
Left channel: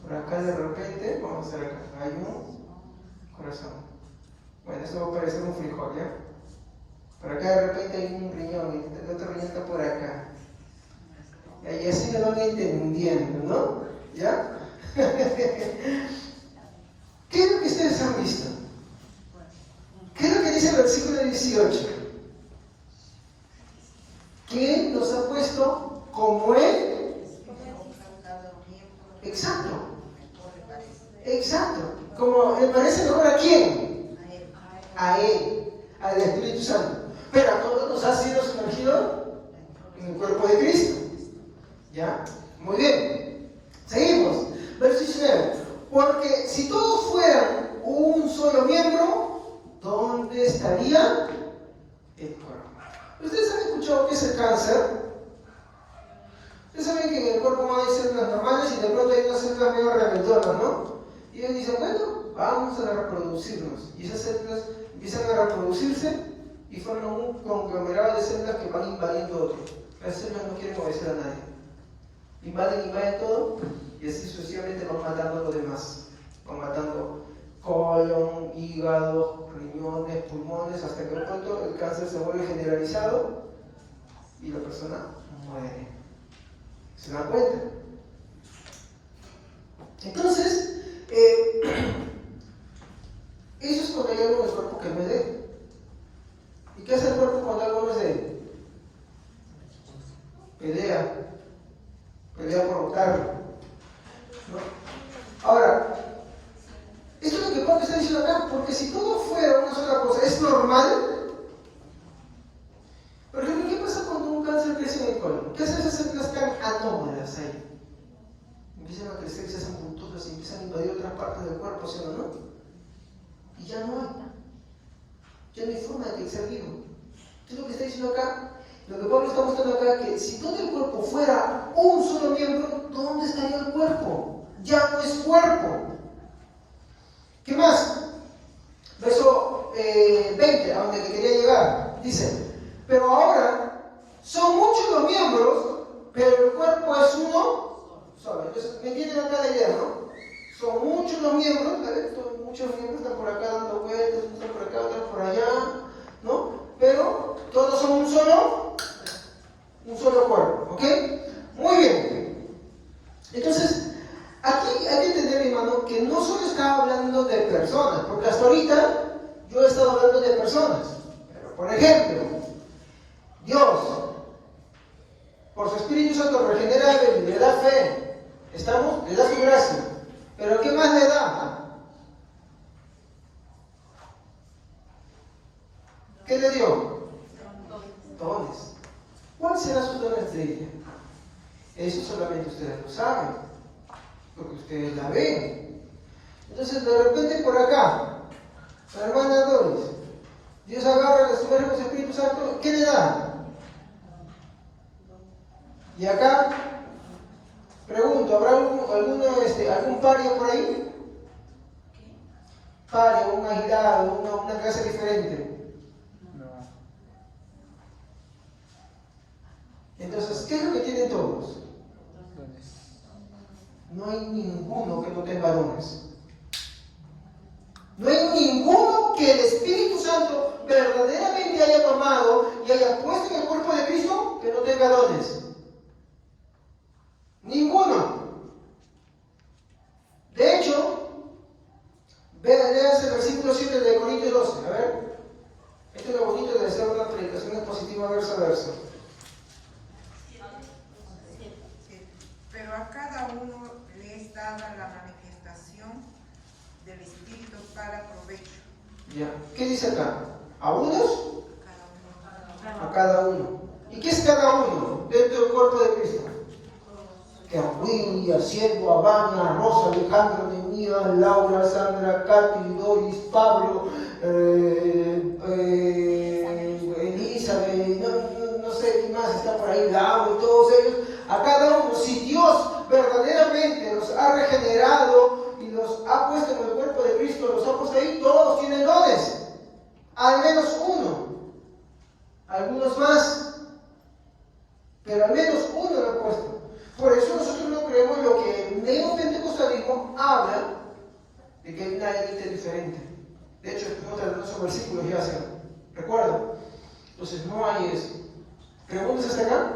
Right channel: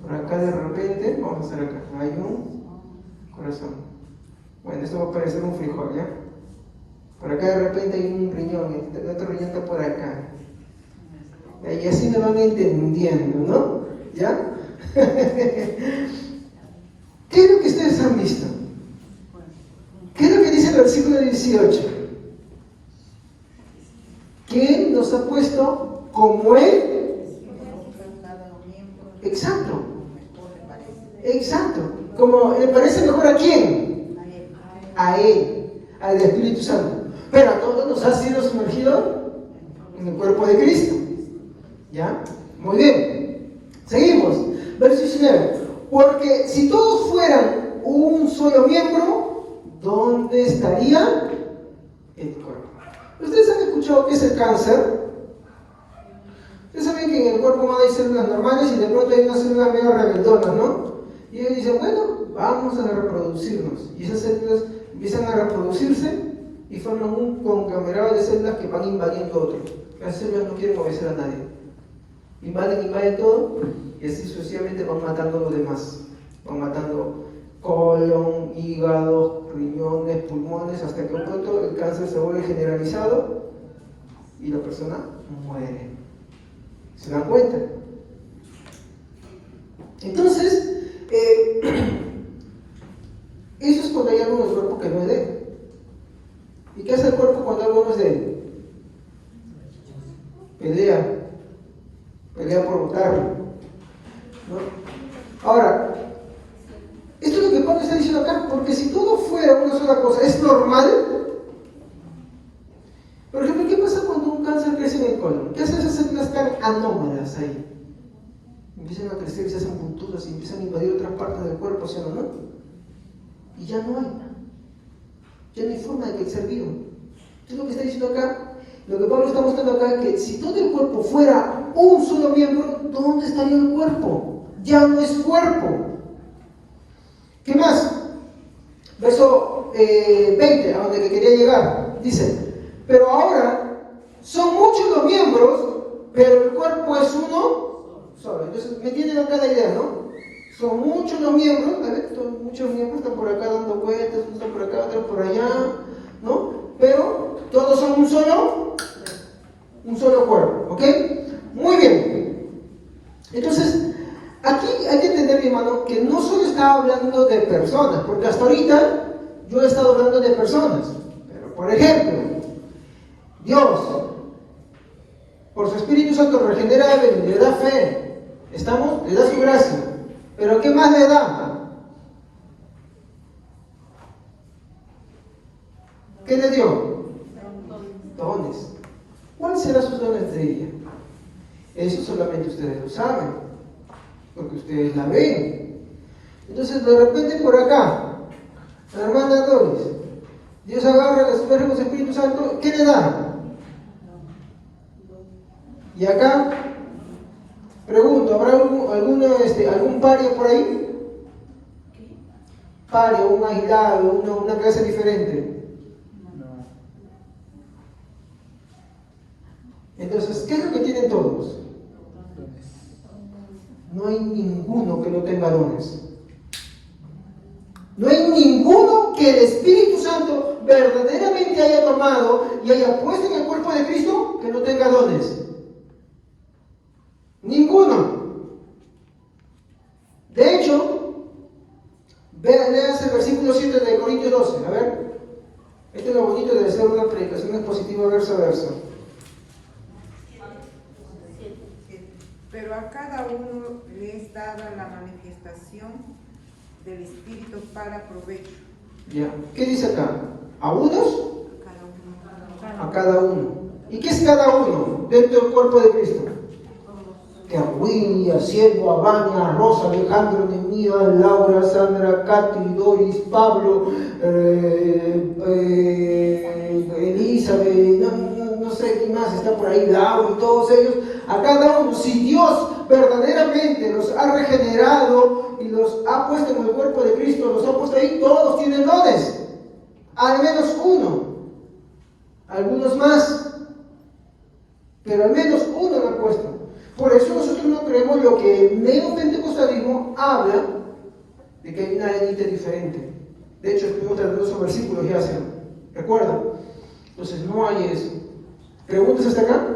Por acá de repente, vamos a hacer acá, hay un corazón. Bueno, esto va a parecer un frijol, ¿ya? Por acá de repente hay un riñón, y el otro riñón está por acá. Y así me van entendiendo, ¿no? ¿Ya? ¿Qué es lo que ustedes han visto? ¿Qué es lo que dice el versículo 18? Que Él nos ha puesto como Él. Exacto. Como le parece mejor a quién. A Él, al Espíritu Santo. Pero a todos nos ha sido sumergido en el cuerpo de Cristo. ¿Ya? Muy bien. Seguimos. Verso 19. Porque si todos fueran un solo miembro, ¿dónde estaría el cuerpo? ¿Ustedes han escuchado qué es el cáncer? cómo hay células normales y de pronto hay unas células medio rebeldonas, ¿no? Y ellos dicen, bueno, vamos a reproducirnos. Y esas células empiezan a reproducirse y forman un conglomerado de células que van invadiendo otro. Las células no quieren obedecer a nadie. Invaden todo y así sucesivamente van matando a los demás. Van matando colon, hígado, riñones, pulmones, hasta que pronto el cáncer se vuelve generalizado y la persona muere. ¿Se dan cuenta? Entonces, eso es cuando hay algo en el cuerpo que no es de él. ¿Y qué hace el cuerpo cuando algo no es de él? Pelea por votarlo, ¿no? Ahora, esto es lo que Pablo está diciendo acá, porque si todo fuera una sola cosa, ¿es normal? Por ejemplo, ¿qué pasa cuando un cáncer crece en el colon? ¿Qué hacen esas células tan anómalas ahí? Empiezan a crecer, se hacen punturas y empiezan a invadir otras partes del cuerpo, ¿sí o no? Y ya no hay forma de que el ser vivo. Esto es lo que está diciendo acá. Lo que Pablo está mostrando acá es que si todo el cuerpo fuera un solo miembro, ¿dónde estaría el cuerpo? Ya no es cuerpo. ¿Qué más? Verso 20, a donde quería llegar. Dice, pero ahora son muchos los miembros, pero el cuerpo es uno solo. Entonces, ¿me entienden acá la idea, no? Son muchos los miembros, a ver, muchos miembros están por acá dando vueltas, están por acá, otros por allá, ¿no? Pero todos son un solo cuerpo, ¿ok? Muy bien. Entonces, aquí hay que entender, mi hermano, que no solo está hablando de personas, porque hasta ahorita yo he estado hablando de personas. Pero, por ejemplo, Dios, por su Espíritu Santo, regenera a Evelyn, le da fe, le da su gracia. Pero ¿qué más le da? ¿Qué le dio? Dones. ¿Cuáles serán sus dones de ella? Eso solamente ustedes lo saben, porque ustedes la ven. Entonces, de repente por acá, la hermana Doris, Dios agarra las mujeres del Espíritu Santo, ¿qué le da? Y acá, pregunto, ¿habrá algún pario por ahí? Pario, un aislado, una clase diferente. Entonces, ¿qué es lo que tienen todos? No hay ninguno que no tenga dones. No hay ninguno que el Espíritu Santo verdaderamente haya tomado y haya puesto en el cuerpo de Cristo que no tenga dones. Ninguno. De hecho, léase el versículo 7 de Corintios 12. A ver, esto es lo bonito de hacer una predicación expositiva verso a verso. Pero a cada uno le es dada la manifestación del Espíritu para provecho. Ya. ¿Qué dice acá? ¿A unos? A cada uno. ¿Y qué es cada uno dentro del cuerpo de Cristo? Que a Willy, a Cielo, a Vania, a Rosa, Alejandro, Nemía, Laura, Sandra, Katy, Doris, Pablo, Elizabeth, no sé quién más está por ahí, Laura y todos ellos. A cada uno, si Dios verdaderamente los ha regenerado y los ha puesto en el cuerpo de Cristo, los ha puesto ahí, todos tienen dones. Al menos uno. Algunos más. Pero al menos uno lo ha puesto. Por eso nosotros no creemos lo que el neopentecostalismo habla de que hay una élite diferente. De hecho, estuvimos tratando esos versículos ya hace. ¿Recuerdan? Entonces no hay eso. ¿Preguntas hasta acá?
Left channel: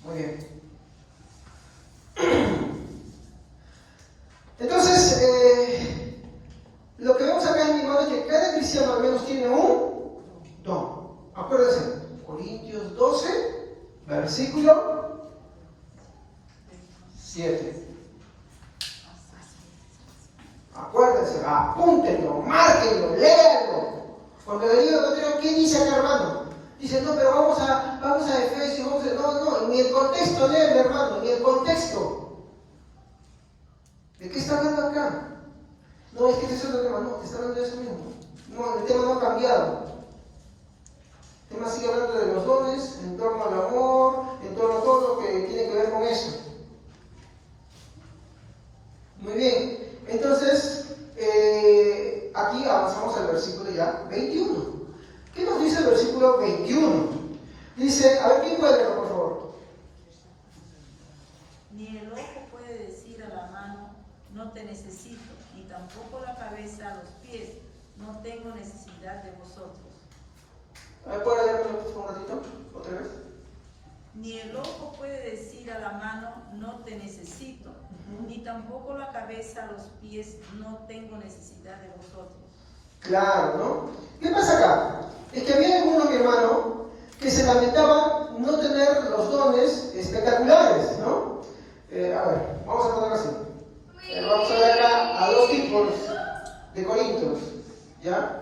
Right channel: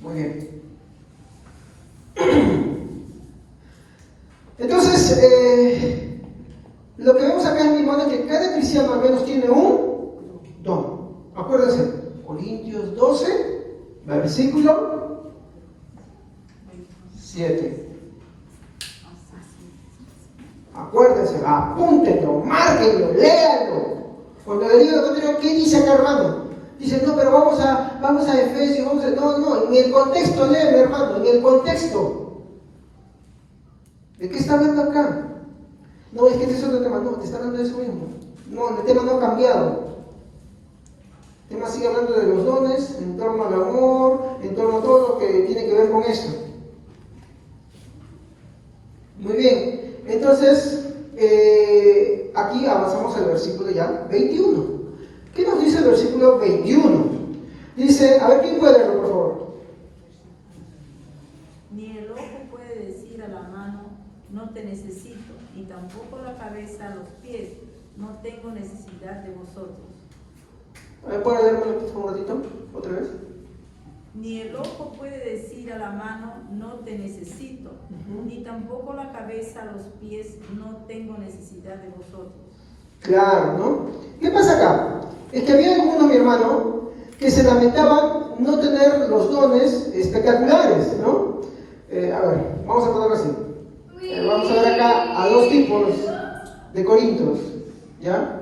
Muy bien. Entonces, lo que vemos acá en mi mano es que cada cristiano al menos tiene un don. Acuérdense, Corintios 12, versículo 7. Acuérdense, apúntenlo, márquenlo, léanlo. Cuando le digo a ¿qué dice acá, hermano? Dice, no, pero vamos a Efesios, no, en el contexto, léeme, hermano, en el contexto. ¿De qué está hablando acá? No, es que este es otro tema, no, te está hablando de eso mismo. No, el tema no ha cambiado. El tema sigue hablando de los dones, en torno al amor, en torno a todo lo que tiene que ver con eso. Muy bien, entonces aquí avanzamos al versículo ya 21. ¿Qué nos dice el versículo 21? Dice, a ver, ¿quién puede leerlo, por favor? Ni el ojo puede decir a la mano, no te necesito, ni tampoco la cabeza a los pies, no tengo necesidad de vosotros. A ver, ¿puede leerlo un ratito? ¿Otra vez? Ni el ojo puede decir a la mano, no te necesito, ni tampoco la cabeza a los pies, no tengo necesidad de vosotros. Claro, ¿no? ¿Qué pasa acá? Es que había algunos, mi hermano, que se lamentaban no tener los dones espectaculares, ¿no? A ver, vamos a ponerlo así. Vamos a ver acá a dos tipos de corintios, ¿ya?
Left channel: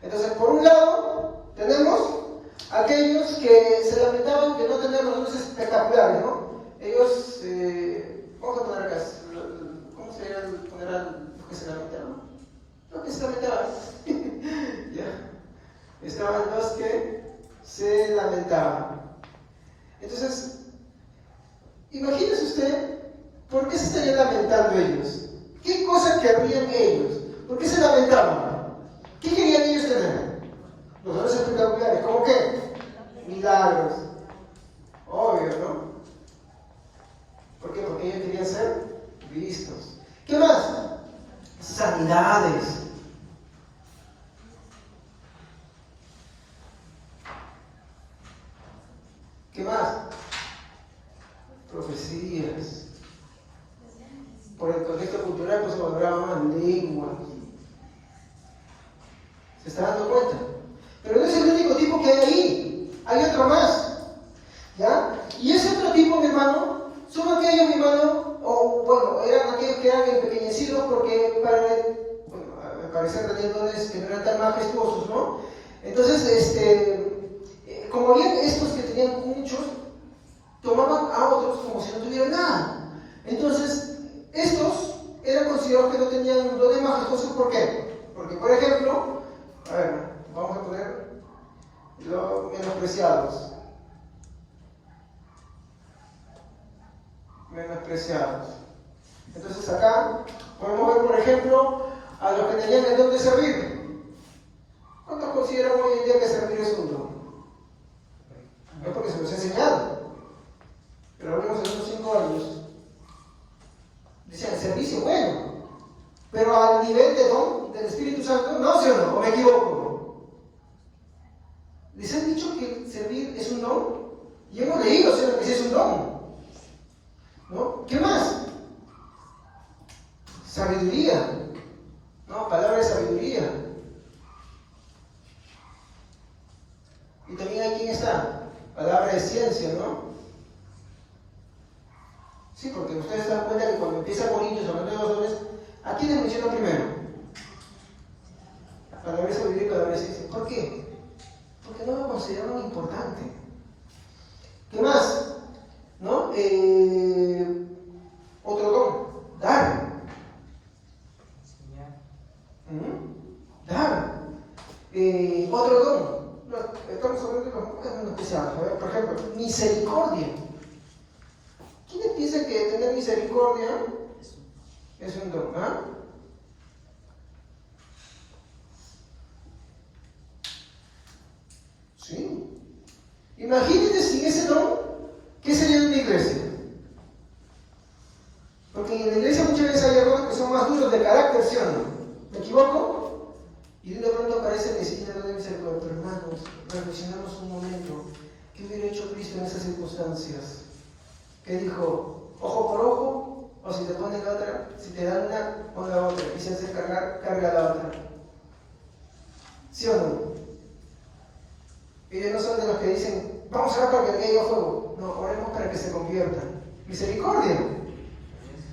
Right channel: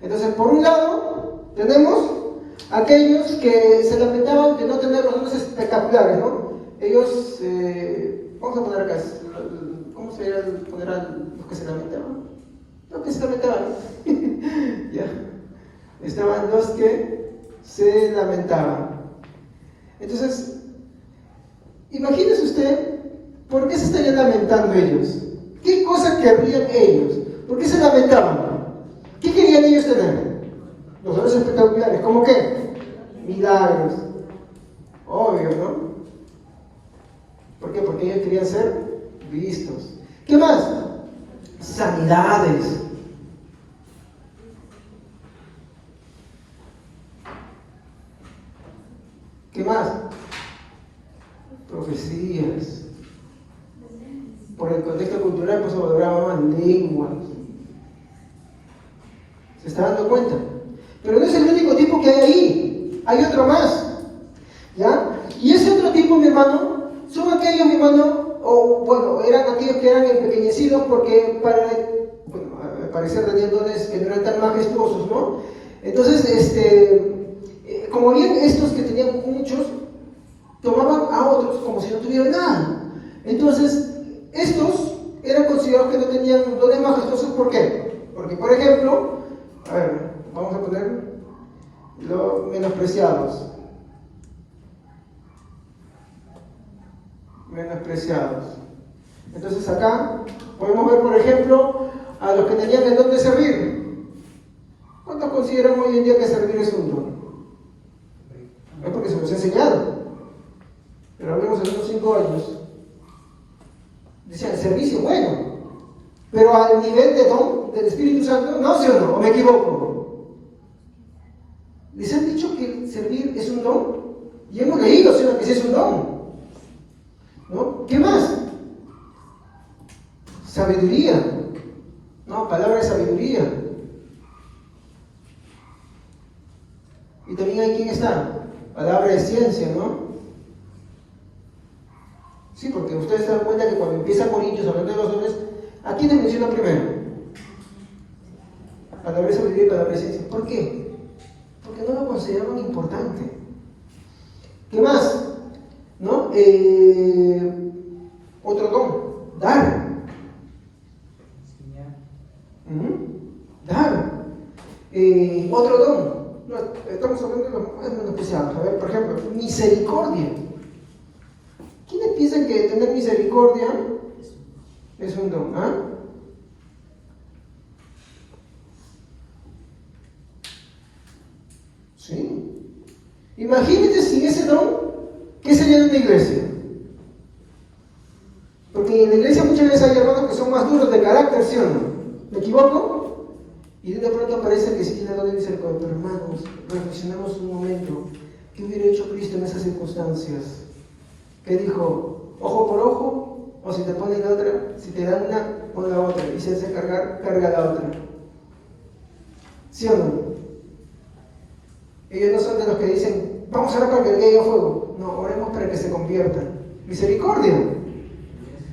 Entonces, por un lado, tenemos aquellos que se lamentaban de no tener los dones espectaculares, ¿no? Ellos, vamos a poner acá, ¿cómo se eran los que se lamentaban? Los que se lamentaban, ¿ya? Estaban los que se lamentaban. Entonces, imagínese usted, ¿por qué se estarían lamentando ellos? ¿Qué cosas querrían ellos? ¿Por qué se lamentaban? ¿Qué querían ellos tener? Los dones espectaculares, ¿cómo qué? Milagros. Obvio, ¿no? ¿Por qué? Porque ellos querían ser vistos. ¿Qué más? Sanidades. ¿Qué más? Profecías. Por el contexto cultural no se valoraba más lengua. ¿Se está dando cuenta? Pero no es el único tipo que hay ahí. Hay otro más. ¿Ya? Y ese otro tipo, mi hermano, son aquellos, mi hermano, o bueno, eran aquellos que eran empequeñecidos porque para, bueno, al parecer tenían dones que no eran tan majestuosos, ¿no? Entonces, como habían estos que tenían muchos, tomaban a otros como si no tuvieran nada. Entonces, estos eran considerados que no tenían dones majestuosos. ¿Por qué? Porque, por ejemplo, a ver, vamos a poner los menospreciados. Menospreciados. Entonces acá podemos ver, por ejemplo, a los que tenían el don de servir. ¿Cuántos consideran hoy en día que servir es un don? Es porque se nos ha enseñado. Pero al menos en unos 5 años decían el servicio, bueno, pero al nivel de don del Espíritu Santo, no, ¿sí o no? ¿Me equivoco? Les han dicho que servir es un don y hemos leído, ¿sí? Que sí es un don, ¿no? ¿Qué más? Sabiduría, ¿no? Palabra de sabiduría. Y también hay quien está, palabra de ciencia, ¿no? Sí, porque ustedes se dan cuenta que cuando empieza Corintios hablando de los dones, ¿a quién le menciona primero? Palabra de sabiduría y palabra de ciencia. ¿Por qué? Porque no lo consideraban importante. ¿Qué más? ¿No? Otro don, dar. Dar. Otro don. No, estamos hablando de los menospreciados. A ver, por ejemplo, misericordia. ¿Quiénes piensan que tener misericordia es un don? ¿Ah? Sí. Imagínate sin ese don, ¿qué sería de una iglesia? Porque en la iglesia muchas veces hay hermanos que son más duros de carácter, ¿sí o no? ¿Me equivoco? Y de pronto parece que sí tiene algo de misericordia. Pero hermanos, reflexionamos un momento. ¿Qué hubiera hecho Cristo en esas circunstancias? ¿Qué dijo? ¿Ojo por ojo? O si te ponen la otra, si te dan una, pon la otra. Y si hace cargar, carga la otra. ¿Sí o no? Ellos no son de los que dicen, vamos a orar para que caiga fuego. No, oremos para que se conviertan. Misericordia.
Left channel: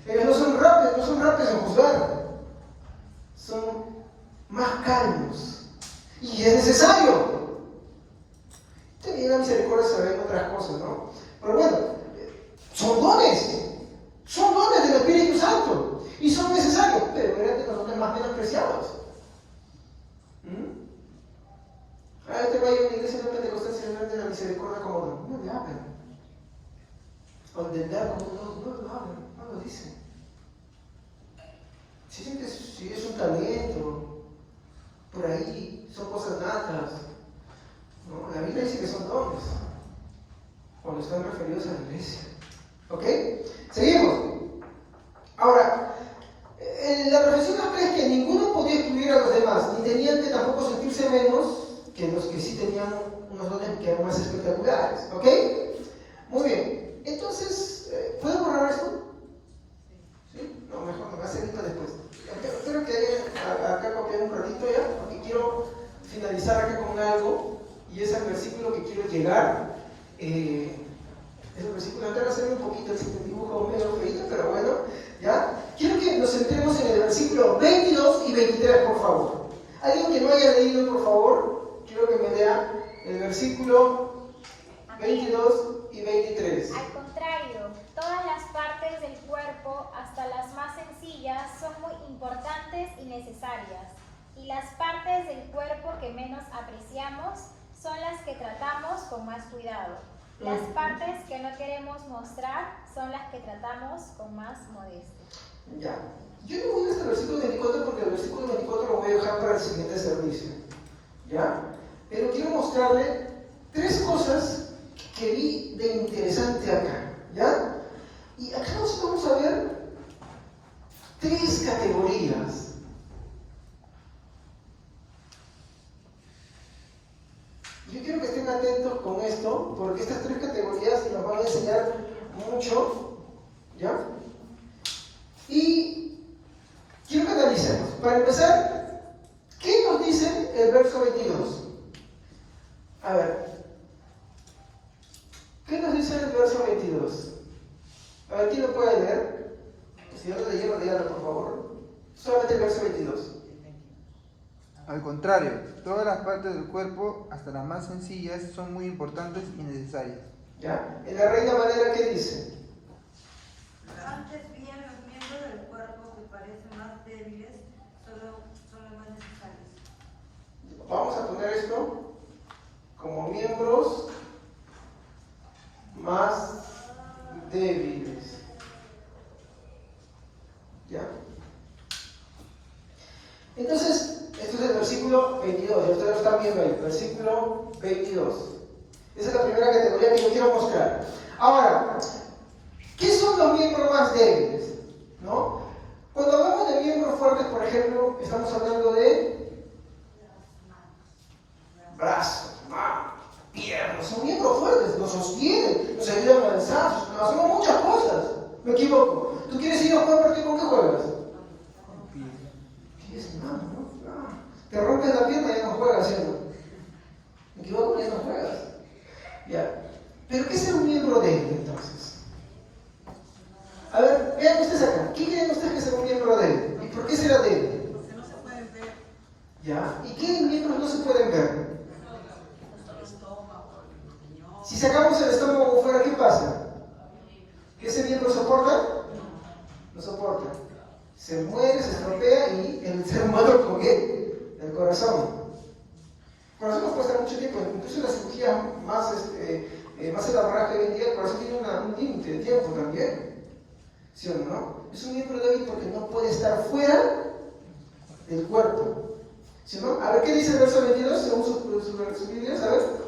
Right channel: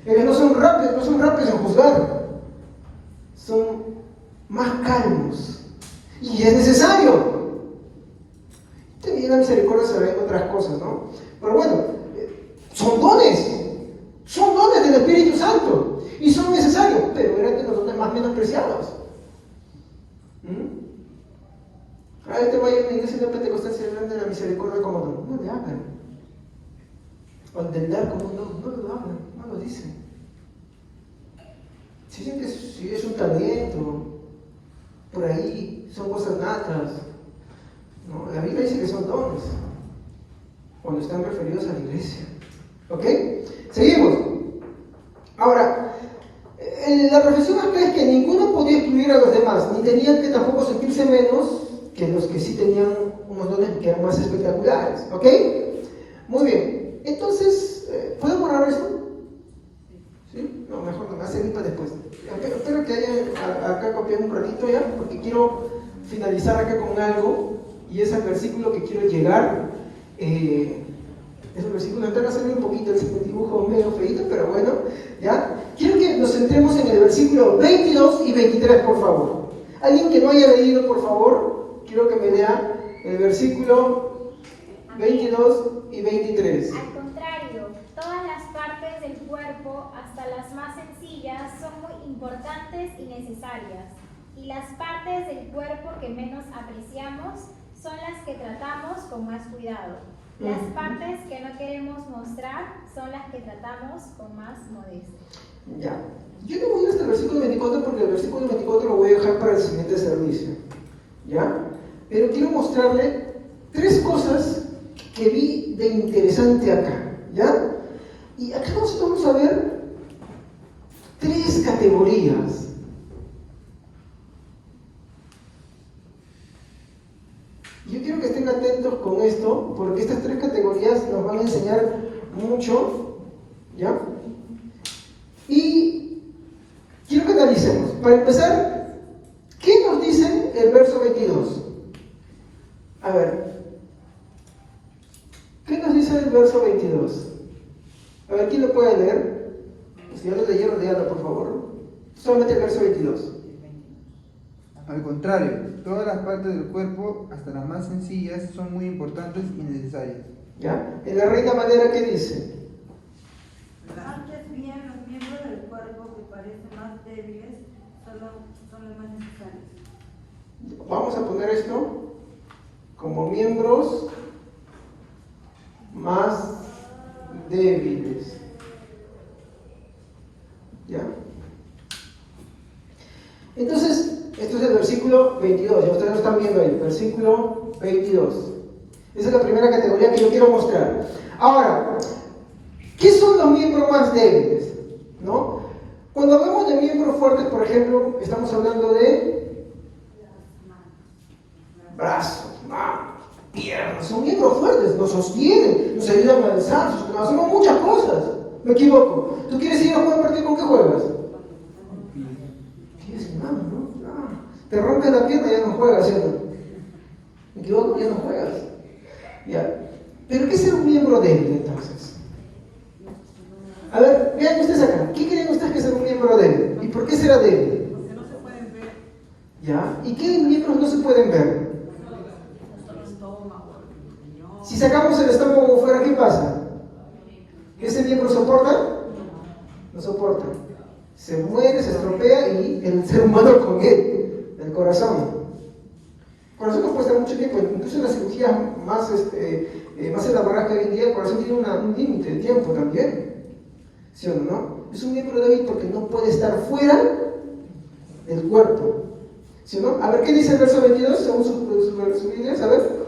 Ellos no son rápidos en juzgar. Son más calmos. Y es necesario. También la misericordia se ve en otras cosas, ¿no? Pero bueno, son dones del Espíritu Santo y son necesarios, pero eran de los dones más menospreciados. misericordia como no le hablan. O entender como no lo hablan, no lo dicen. Si es un talento, por ahí son cosas natas. ¿No? La Biblia dice que son dones, cuando están referidos a la iglesia. ¿Ok? Seguimos. Ahora, la reflexión acá es que ninguno podía excluir a los demás, ni tenían que tampoco sentirse menos que los que sí tenían unos dones que eran más espectaculares. ¿Ok? Muy bien. Entonces, ¿puedo borrar esto? ¿Sí? No, mejor no, hacer esto después. Espero que hayan acá copiado un ratito ya, porque quiero finalizar acá con algo, y es el versículo que quiero llegar. Es el versículo, acá va a salir un poquito el dibujo medio feito, pero bueno, ¿ya? Quiero que nos centremos en el versículo 22 y 23, por favor. Alguien que no haya leído, por favor, quiero que me lea el versículo 22 y 23. Al contrario, todas las partes del cuerpo, hasta las más sencillas, son muy importantes y necesarias. Y las partes del cuerpo que menos apreciamos son las que tratamos con más cuidado. Las partes que no queremos mostrar son las que tratamos con más modestia. Ya. Yo no voy hasta el versículo 24 porque el versículo 24 lo voy a dejar para el siguiente servicio. ¿Ya? Pero quiero mostrarle tres cosas que vi de interesante acá. ¿Ya? Y acá vamos a ver tres categorías. Yo quiero que estén atentos con esto, porque estas tres categorías nos van a enseñar mucho, ¿ya? Y quiero que analicemos. Para empezar, ¿qué nos dice el verso 22? A ver, ¿qué nos dice el verso 22? A ver, ¿quién lo puede leer? Si ya lo leyeron, díganlo, por favor. Solamente el verso 22. Al contrario, todas las partes del cuerpo, hasta las más sencillas, son muy importantes y necesarias. ¿Ya? En la Reina Valera, ¿qué dice? Antes bien, los miembros del cuerpo que parecen más débiles son los más necesarios. Vamos a poner esto como miembros más débiles. ¿Ya? Entonces, esto es el versículo 22, y ustedes lo están viendo ahí, versículo 22. Esa es la primera categoría que yo quiero mostrar. Ahora, ¿qué son los miembros más débiles? ¿No? Cuando hablamos de miembros fuertes, por ejemplo, estamos hablando de brazos, manos, piernas. Son miembros fuertes, nos sostienen, nos ayudan a avanzar, hacemos muchas cosas. Me equivoco. ¿Tú quieres ir a jugar partido con qué juegas? ¿Quieres una mano? No. Te rompes la pierna y ya no juegas, ¿cierto? Me equivoco, ya no juegas. Ya. ¿Pero qué es un miembro débil entonces? A ver, vean ustedes acá. ¿Qué creen ustedes que es un miembro débil? ¿Y por qué será débil? Porque no se pueden ver. ¿Ya? ¿Y qué miembros no se pueden ver? Si sacamos el estómago fuera, ¿qué pasa? ¿Ese miembro soporta? No soporta. Se muere, se estropea y el ser humano con él, el corazón. El corazón nos cuesta mucho tiempo, incluso en las cirugías más elaboradas que hoy en día, el corazón tiene un límite de tiempo también. ¿Sí o no? Es un miembro débil porque no puede estar fuera del cuerpo. ¿Sí o no? A ver, ¿qué dice el verso 22 según sus ideas? A ver.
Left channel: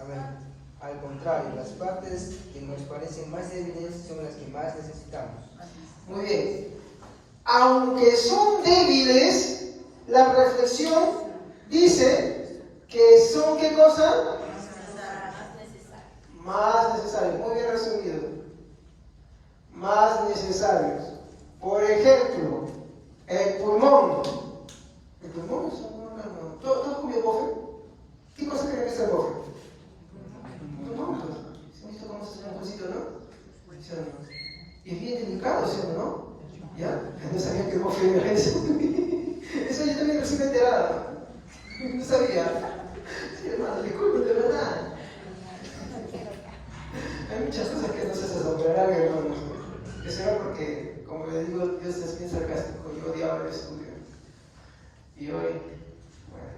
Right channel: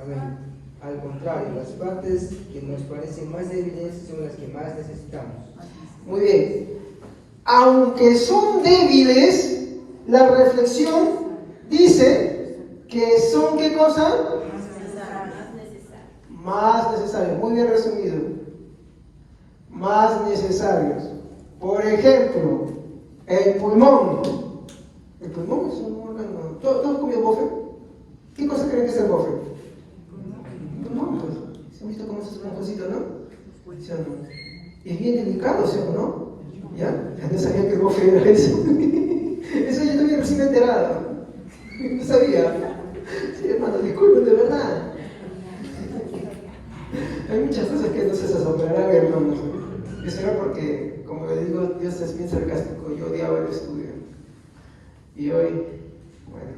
Amén. Al contrario, las partes que nos parecen más débiles son las que más necesitamos. Muy bien. Aunque son débiles, la reflexión dice que son, ¿qué cosa? Más necesarios. Muy bien resumido. Más necesarios. Por ejemplo, el pulmón. El pulmón es un órgano. ¿Todos comido bofe? ¿Qué cosa creen que es el bofe? No, pues, ¿se han visto cómo es un cosito, no? ¿Sí o no? Y es bien delicado, ¿sí o no? ¿Ya? No sabía que el bofe era eso. Eso yo también recién enterado. No sabía. Sí, hermano, disculpen, de verdad. Hay muchas cosas que no se asombrarán, hermano. Eso era porque, como le digo, Dios es bien sarcástico. Yo odiaba el estudio. Y hoy, bueno,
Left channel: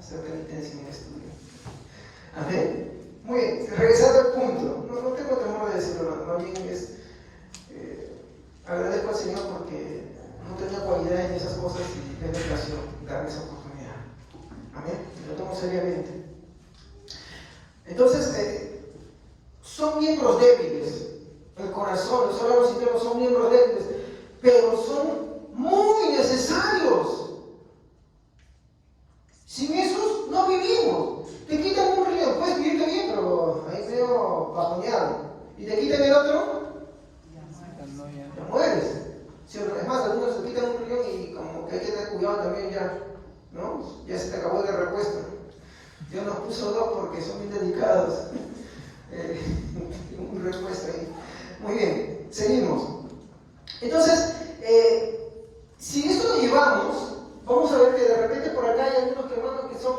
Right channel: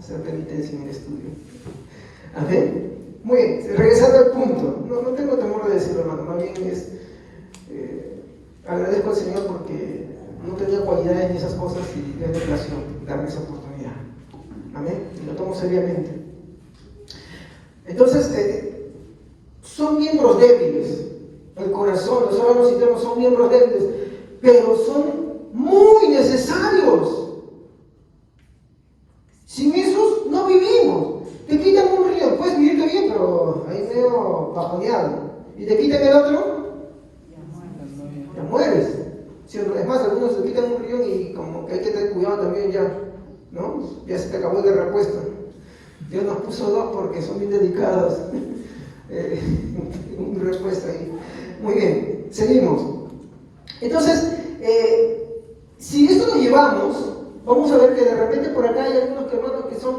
hacer penitencia en el estudio. Amén. Muy bien, regresando al punto, no tengo temor de decirlo, más bien agradezco al Señor porque no tenía cualidad en esas cosas y es relación darme esa oportunidad. Amén. Y lo tomo seriamente. Entonces, son miembros débiles. El corazón, los órganos internos son miembros débiles, pero son muy necesarios. Sin esos no vivimos. Te quitan un río, puedes vivir bien, pero ahí medio bajoneado. Y te quitan el otro, te mueres. Es más, algunos se quitan un río y como que hay que tener cuidado también ya, ¿no? Ya se te acabó el repuesto. Dios nos puso dos porque son bien delicados. Un repuesto ahí. Muy bien, seguimos. Entonces, si esto lo llevamos, vamos a ver que de repente por acá hay algunos hermanos que son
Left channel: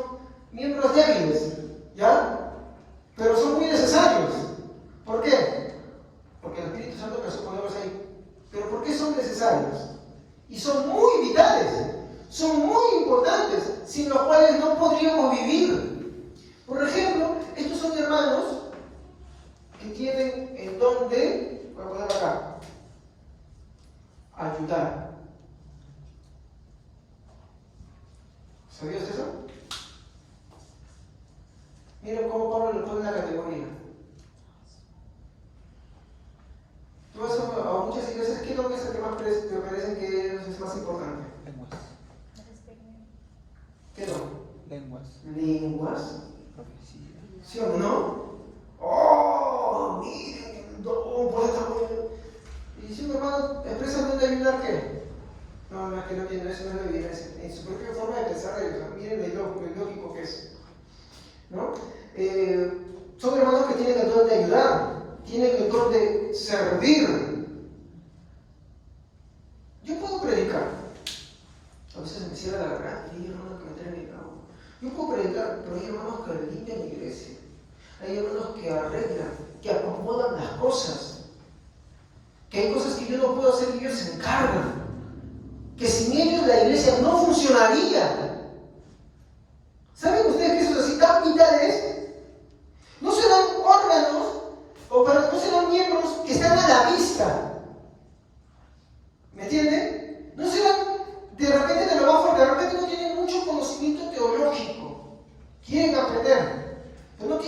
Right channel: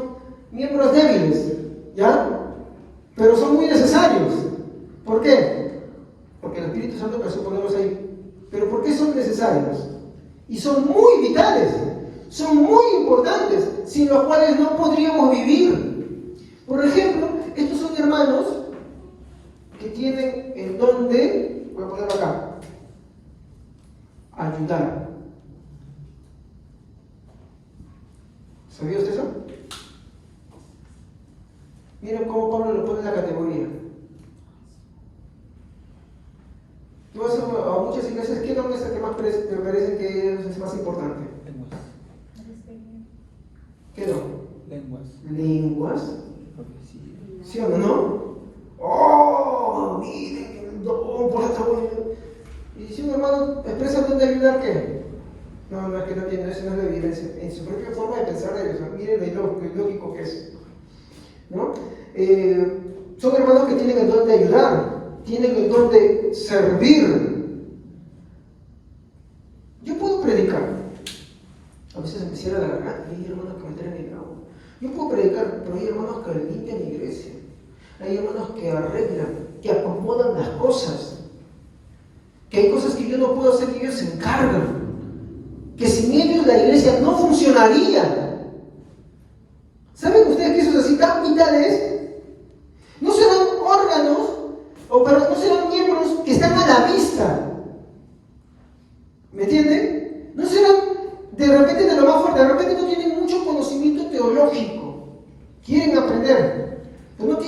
miembros débiles, ¿ya? Pero son muy necesarios. ¿Por qué? Porque el Espíritu Santo empezó a ponerlos ahí. ¿Pero por qué son necesarios? Y son muy vitales, son muy importantes, sin los cuales no podríamos vivir. Por ejemplo, estos son hermanos que tienen el don de, voy a ponerlo acá, ayudar. ¿Sabía usted eso? Miren cómo Pablo lo pone en la categoría. Tú vas a muchas iglesias, ¿qué don es el que más te parece que es más importante? Lenguas. ¿Qué don? Lenguas. ¿Lenguas? Profecía. ¿Sí o no? ¡Oh! Miren, no, por esto. Y si un hermano expresa el don de ayudar, ¿qué? No, es que no tiene, eso no es la evidencia. En su propia forma de pensar de Dios, miren lo ilógico que es. ¿No? Son hermanos que tienen el don de ayudar, tienen el don de servir. Yo puedo predicar. A veces me quisiera la gana, hay hermanos que me traen el agua. Yo puedo predicar, pero hay hermanos que limpian la iglesia. Hay hermanos que arreglan, que acomodan las cosas. Que hay cosas que yo no puedo hacer y ellos se encargan. Que sin ellos la iglesia no funcionaría. ¿Saben ustedes que eso es así tan vitales? No serán órganos, pero no serán miembros que están a la vista. ¿Me entienden? No serán de repente de lo más fuerte, de repente no tienen mucho conocimiento teológico. Quieren aprender. Pero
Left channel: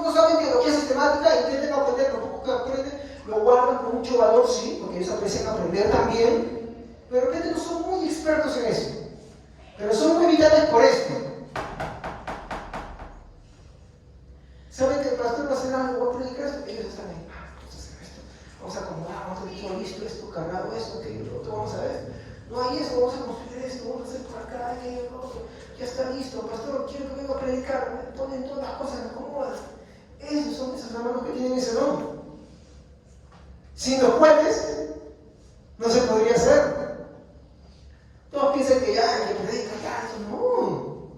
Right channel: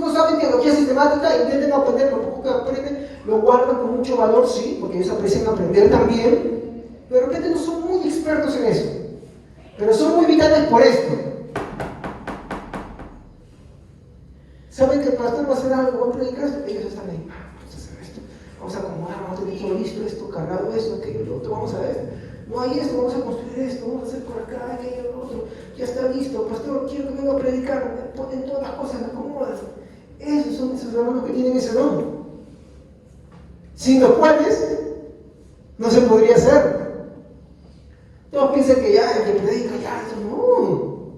no saben teología sistemática, intenten aprender, lo poco que aprenden, lo guardan con mucho valor, sí, porque ellos aprecian aprender también. Pero de repente no son muy expertos en eso. Pero son muy vitales por esto. Saben que el pastor va a hacer algo, va a predicar esto, ellos están ahí, vamos a hacer esto, vamos a acomodar, vamos a tener todo listo, esto, cargado, eso, aquello, lo otro, vamos a ver. No hay esto, vamos a construir esto, vamos a hacer por acá, aquello, lo otro, ya está listo, pastor, quiero que venga a predicar, me ponen todas las cosas, me acomodan. Esos son esos hermanos que tienen ese don. Sin los cuales no se podría hacer. Todos piensan que ya, el que predica, ya, esto no.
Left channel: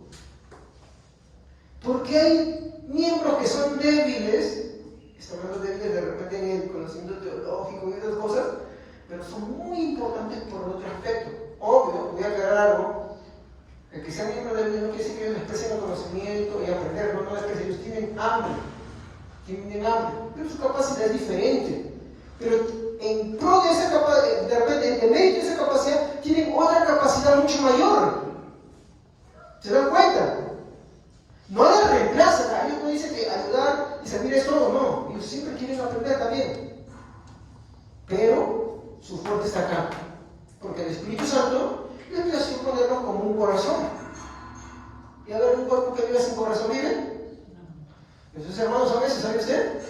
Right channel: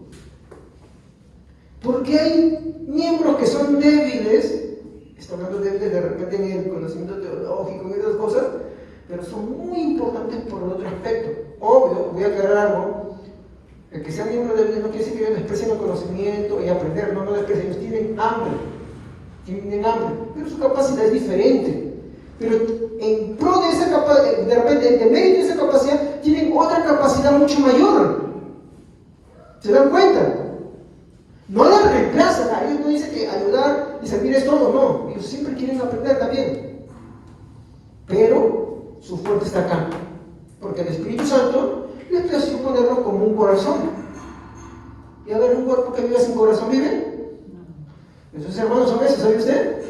Porque hay miembros que son débiles, están hablando débiles de repente en el conocimiento teológico y esas cosas, pero son muy importantes por el otro aspecto. Obvio, voy a aclarar algo, el que sean miembros débiles no quiere decir que ellos expresen el conocimiento y aprender, no es que ellos tienen hambre, pero su capacidad es diferente. Pero en pro de esa capacidad, de repente, en medio de esa capacidad, tienen otra capacidad mucho mayor. ¿Se dan cuenta? No la reemplazan, ellos no dicen que ayudar y servir es todo, no. Ellos siempre quieren aprender también. Pero su fuerte está acá. Porque el Espíritu Santo les plació ponerlo como un corazón. ¿Y a dar un cuerpo que vive sin corazón vive? Esos hermanos son esos, ¿sabe usted?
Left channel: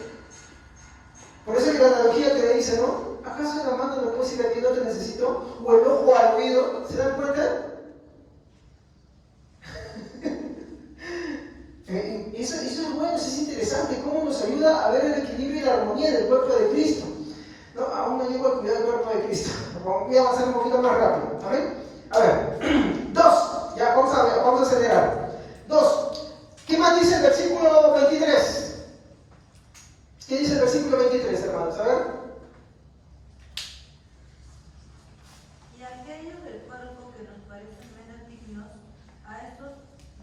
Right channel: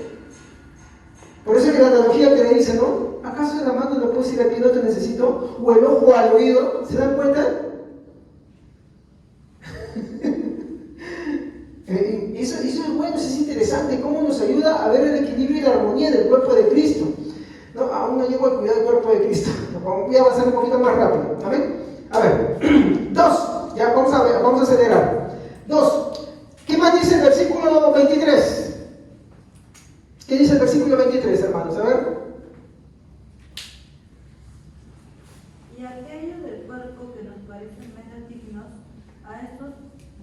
Por eso que la analogía que le dice, ¿no? ¿Acaso la mano no puede decir a ti no te necesito? O el ojo al oído, ¿se dan cuenta? Eso es bueno, eso es interesante, cómo nos ayuda a ver el equilibrio y la armonía del cuerpo de Cristo. No, aún no llego a cuidar el cuerpo de Cristo. Voy a avanzar un poquito más rápido. ¿Amén? A ver, 2. Ya vamos a acelerar. 2. ¿Qué más dice el versículo 23? ¿Qué dice el versículo 23, hermanos? A ver. Y aquellos del cuerpo que nos parecen menos dignos, a estos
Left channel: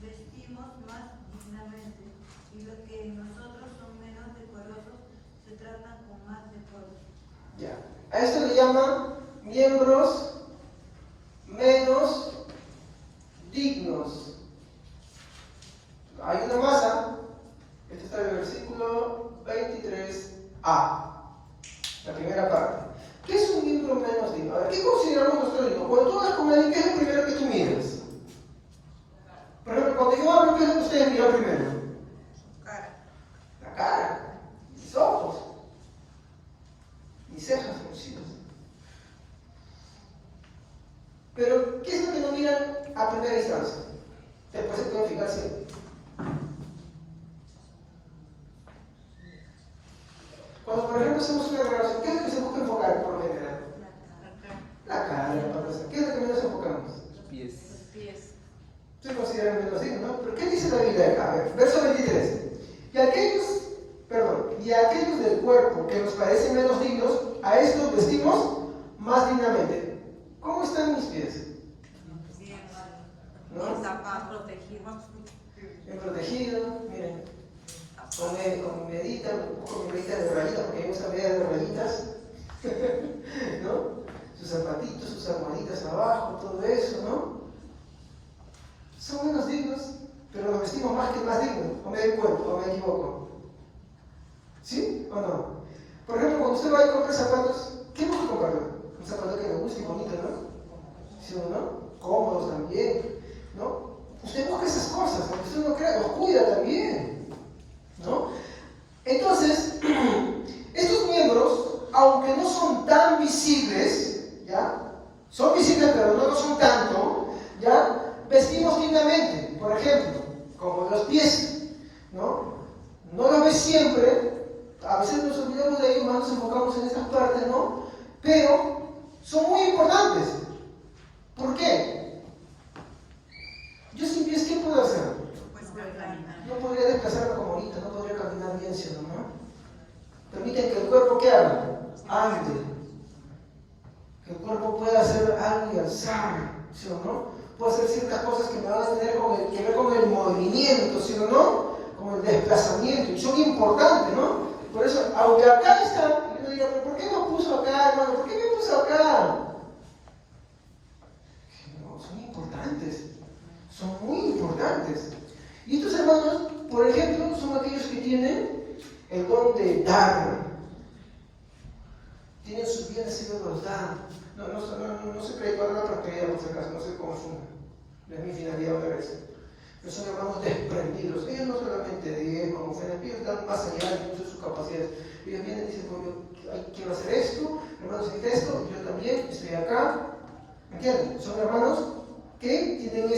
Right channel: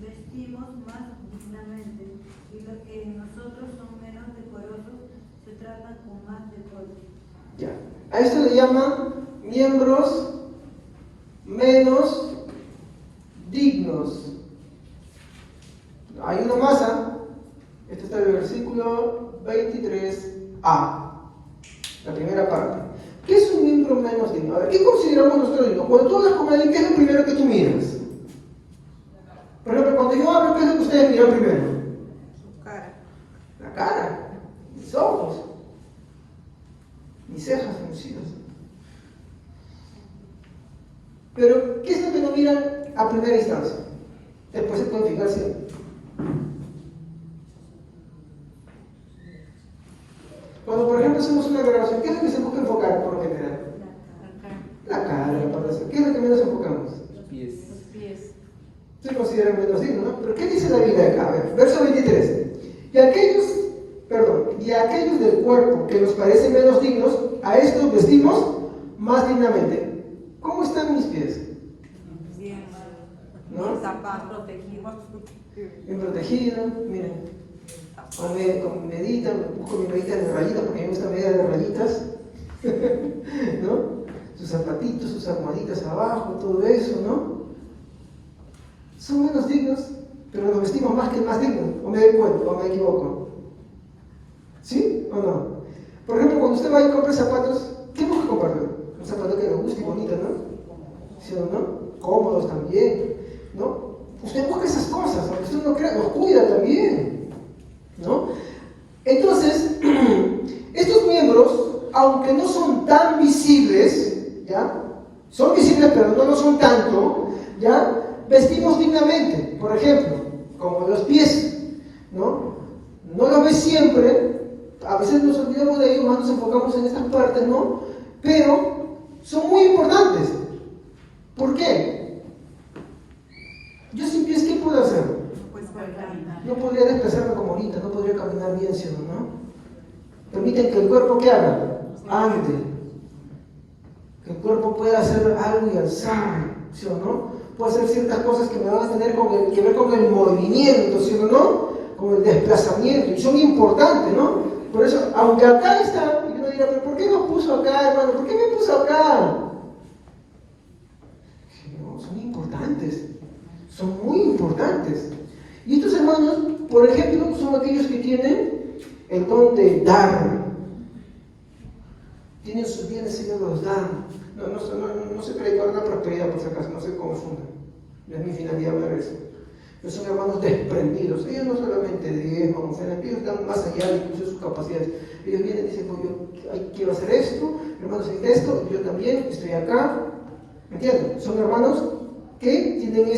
vestimos más dignamente, y los que en nosotros son menos decorosos se tratan con más decoro. Ya. A esto le llaman miembros menos dignos. Hay una masa, esto está en el versículo 23a, la primera parte. ¿Qué es un miembro menos digno? A ver, ¿qué consideramos nosotros dignos? Cuando tú vas a comer, ¿qué es lo primero que tú miras? Por ejemplo, cuando yo hablo, ¿qué es lo que ustedes miran primero? Su cara. La cara, mis ojos, mis cejas fruncidas. Pero, ¿qué es lo que no miran a primera instancia? Después se puede fijarse. Cuando, por ejemplo, hacemos una grabación, ¿qué es lo que se busca enfocar por lo general? La cara, la pantalla. ¿Qué es lo que menos enfocamos? Los pies. Se consideran menos dignos, ¿no? Pero ¿qué dice la Biblia acá? A ver, verso 23. Y a aquellos del cuerpo que nos parecen menos dignos, a estos vestimos más dignamente. ¿Cómo están mis pies? Bien. ¿No? Bien zapatos, protegidos. Bien protegido, miren. Como meditan, busco mi medita de rayitas, porque me gusta media de rayitas. ¿No? Sus zapatitos, sus almohaditas abajo, todo eso, ¿no? Son menos dignos, pero nos vestimos más que el más digno. ¿O me doy cuenta? ¿O me equivoco? ¿Sí o no? Por ejemplo, cuando usted va y compra zapatos, ¿qué busca comprar? Un zapato que le guste y bonito, ¿no? ¿Sí o no? Cómodos también, ¿no? Usted busca esas cosas, aunque usted no crea, los cuida también, ¿no? Entonces, estos miembros, aunque no son tan visibles, ¿ya? Son visibles, pero no lo son tanto, ¿ya? Vestimos dignamente, por ejemplo, como los pies, ¿no? No los ves siempre, a veces nos olvidamos de ellos, más nos enfocamos en estas partes, ¿no? Pero son muy importantes. ¿Por qué? Yo sin pies, ¿qué puedo hacer? Pues bailar. No podría desplazarme como ahorita, no podría caminar bien, ¿sí o no? Permiten que el cuerpo, ¿qué haga? Ande. Que el cuerpo pueda hacer algo y alzar, ¿sí o no? Puede hacer ciertas cosas que me van a tener que ver con el movimiento, ¿sí o no? Con el desplazamiento, y son importantes, ¿no? Por eso, aunque acá está, y uno dirá, ¿pero por qué me puso acá, hermano? ¿Por qué me puso acá? No, son importantes, son muy importantes. Y estos hermanos, por ejemplo, son aquellos que tienen el don de dar. Tienen sus bienes y no los dan. No se predica la prosperidad, por si acaso, no se confunda. No es mi finalidad hablar eso. Pero son hermanos desprendidos. Ellos no solamente diezman, ofrendan, ellos dan más allá incluso de sus capacidades. Ellos vienen y dicen, pues yo quiero hacer esto, hermanos, hacer esto, yo también estoy acá. ¿Me entienden? Son hermanos que tienen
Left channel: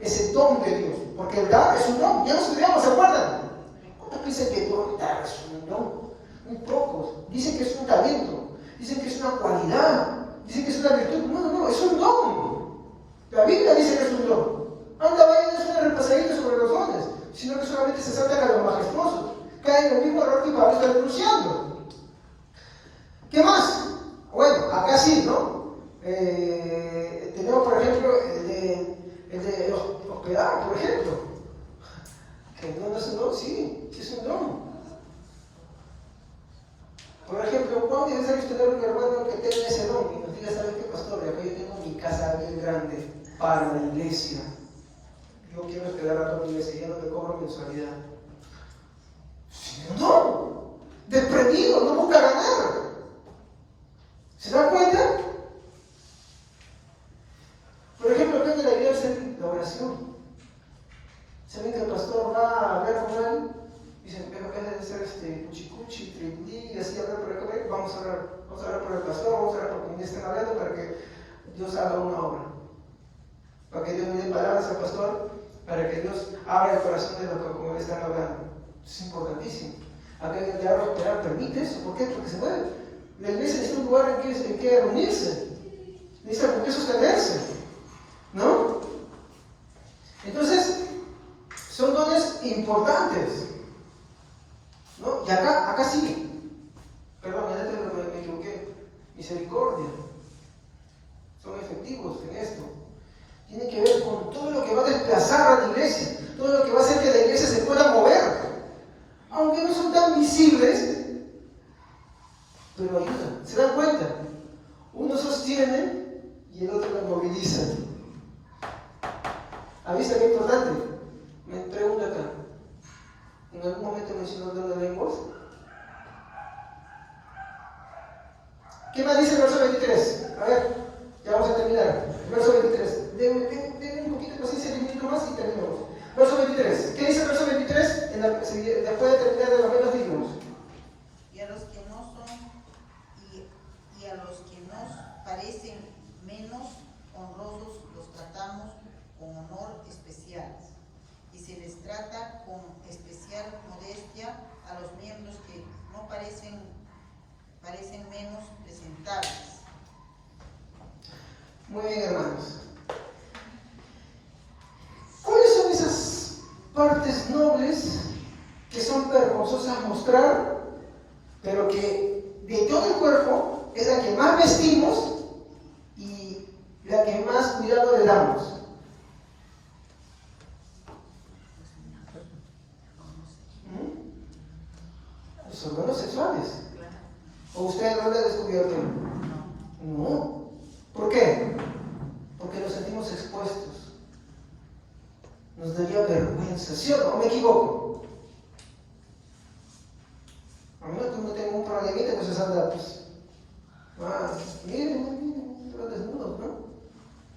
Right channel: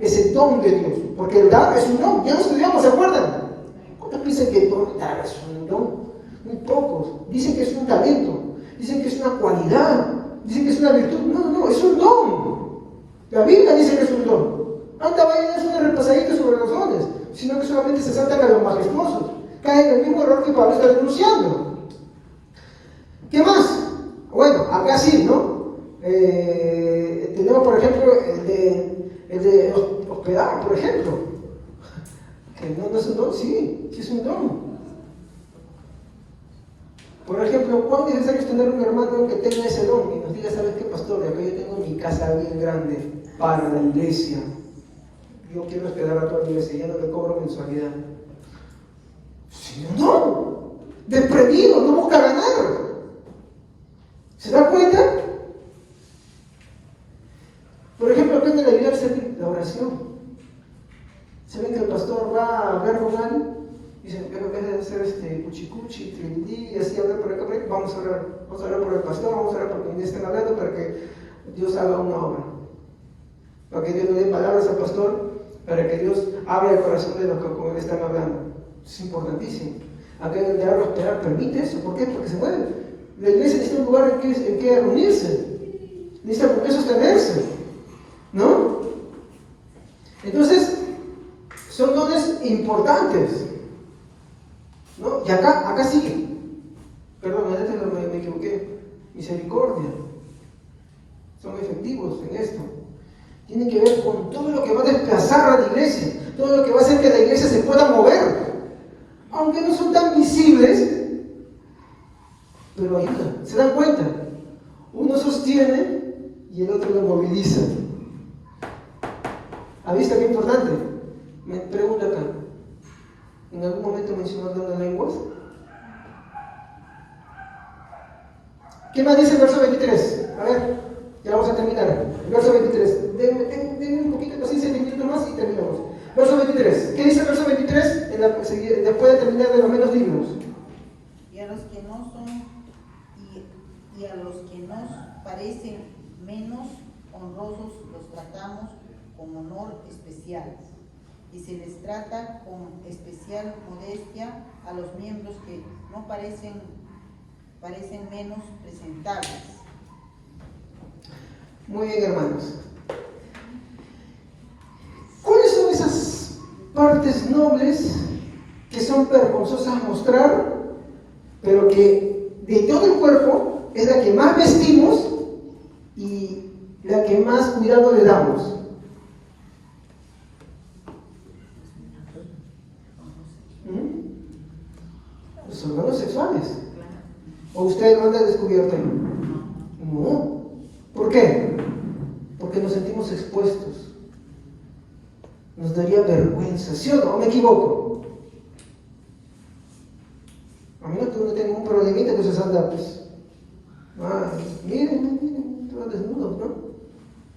ese don de Dios. Porque el dar es un don. Ya lo estudiamos, ¿se acuerdan? ¿Cuántos piensan que dar es un don? Muy pocos. Dicen que es un talento. Dicen que es una cualidad. Dicen que es una virtud. No, es un don. La Biblia dice que es un don. Anda, vayan a hacer repasaditos sobre los dones, sino que solamente se saltan a los majestuosos. Caen en el mismo error que Pablo está denunciando. ¿Qué más? Bueno, acá sí, ¿no? Tenemos, por ejemplo, el de hospedar, por ejemplo. Que no es un don, sí es un don. Por ejemplo, ¿cuán necesario es tener un hermano que tenga ese don? Y nos diga, ¿sabes qué, pastor? Acá yo tengo mi casa bien grande para la iglesia. Yo quiero hospedar a toda la iglesia, ya no me cobro mensualidad. Sí, no, desprendido, no busca ganar. ¿Se dan cuenta? Por ejemplo, acá en la iglesia la oración. ¿Saben que el pastor va a hablar con alguien? Dicen, pero en vez de hacer cuchicuchi, trindí, y así hablar por acá, vamos a orar por el pastor, vamos a orar por quien estén hablando para que Dios haga una obra. Para que Dios le dé palabras al pastor, para que Dios abra el corazón de los que como le están hablando. Es importantísimo. Acá en el diablo esperar permite eso. ¿Por qué? Porque se puede. La iglesia necesita un lugar en que reunirse. Necesita por qué sostenerse. ¿No? Entonces, son dones importantes. ¿No? Y acá sigue. Perdón, me equivoqué. Misericordia. Son efectivos en esto. Tiene que ver con todo lo que va a desplazar a la iglesia, todo lo que va a hacer que la iglesia se pueda mover. Aunque no son tan visibles, pero ayuda. ¿Se dan cuenta? Uno sostiene y el otro lo moviliza. ¿Ha visto qué importante? Me pregunta acá. ¿En algún momento mencionó el don de lenguas? ¿Qué más dice el verso 23? A ver, ya vamos a terminar. El verso 23. Denme un poquito de paciencia, 10 minutos más y terminamos. Verso 23. ¿Qué dice el verso 23? Después de terminar de los menos dignos. Y a los que no son, y a los que nos parecen menos honrosos, los tratamos con honor especial. Y se les trata con especial modestia a los miembros que no parecen menos presentables. Muy bien, hermanos. ¿Cuáles son esas partes nobles que son vergonzosas a mostrar, pero que de todo el cuerpo es la que más vestimos y la que más cuidado le damos? Los órganos sexuales. ¿O usted lo han descubierto? No. ¿Por qué? Porque nos sentimos expuestos. Nos daría vergüenza, ¿sí o no? ¿Me equivoco? A menos que uno tenga un problemita que se anda, pues. Miren, todos desnudos, ¿no?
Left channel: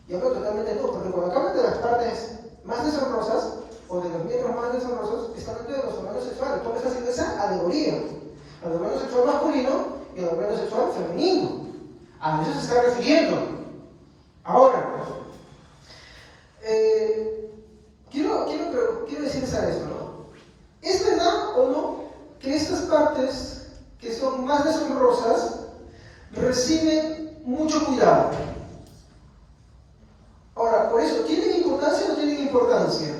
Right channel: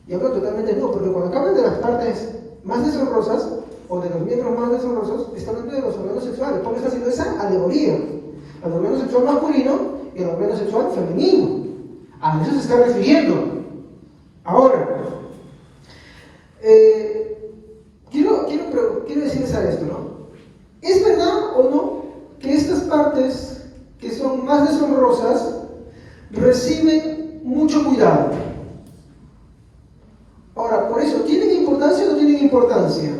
Y hablo totalmente no, porque cuando acaban de las partes más deshonrosas, o de los miembros más deshonrosos, están hablando de los órganos sexuales. ¿Cómo está haciendo esa alegoría? Al órgano sexual masculino y al órgano sexual femenino. A eso se está refiriendo. Ahora, quiero decirles a esto, ¿no? ¿Es verdad o no que estas partes que son más deshonrosas reciben mucho cuidado? Ahora, por eso, ¿tienen importancia o no tienen importancia?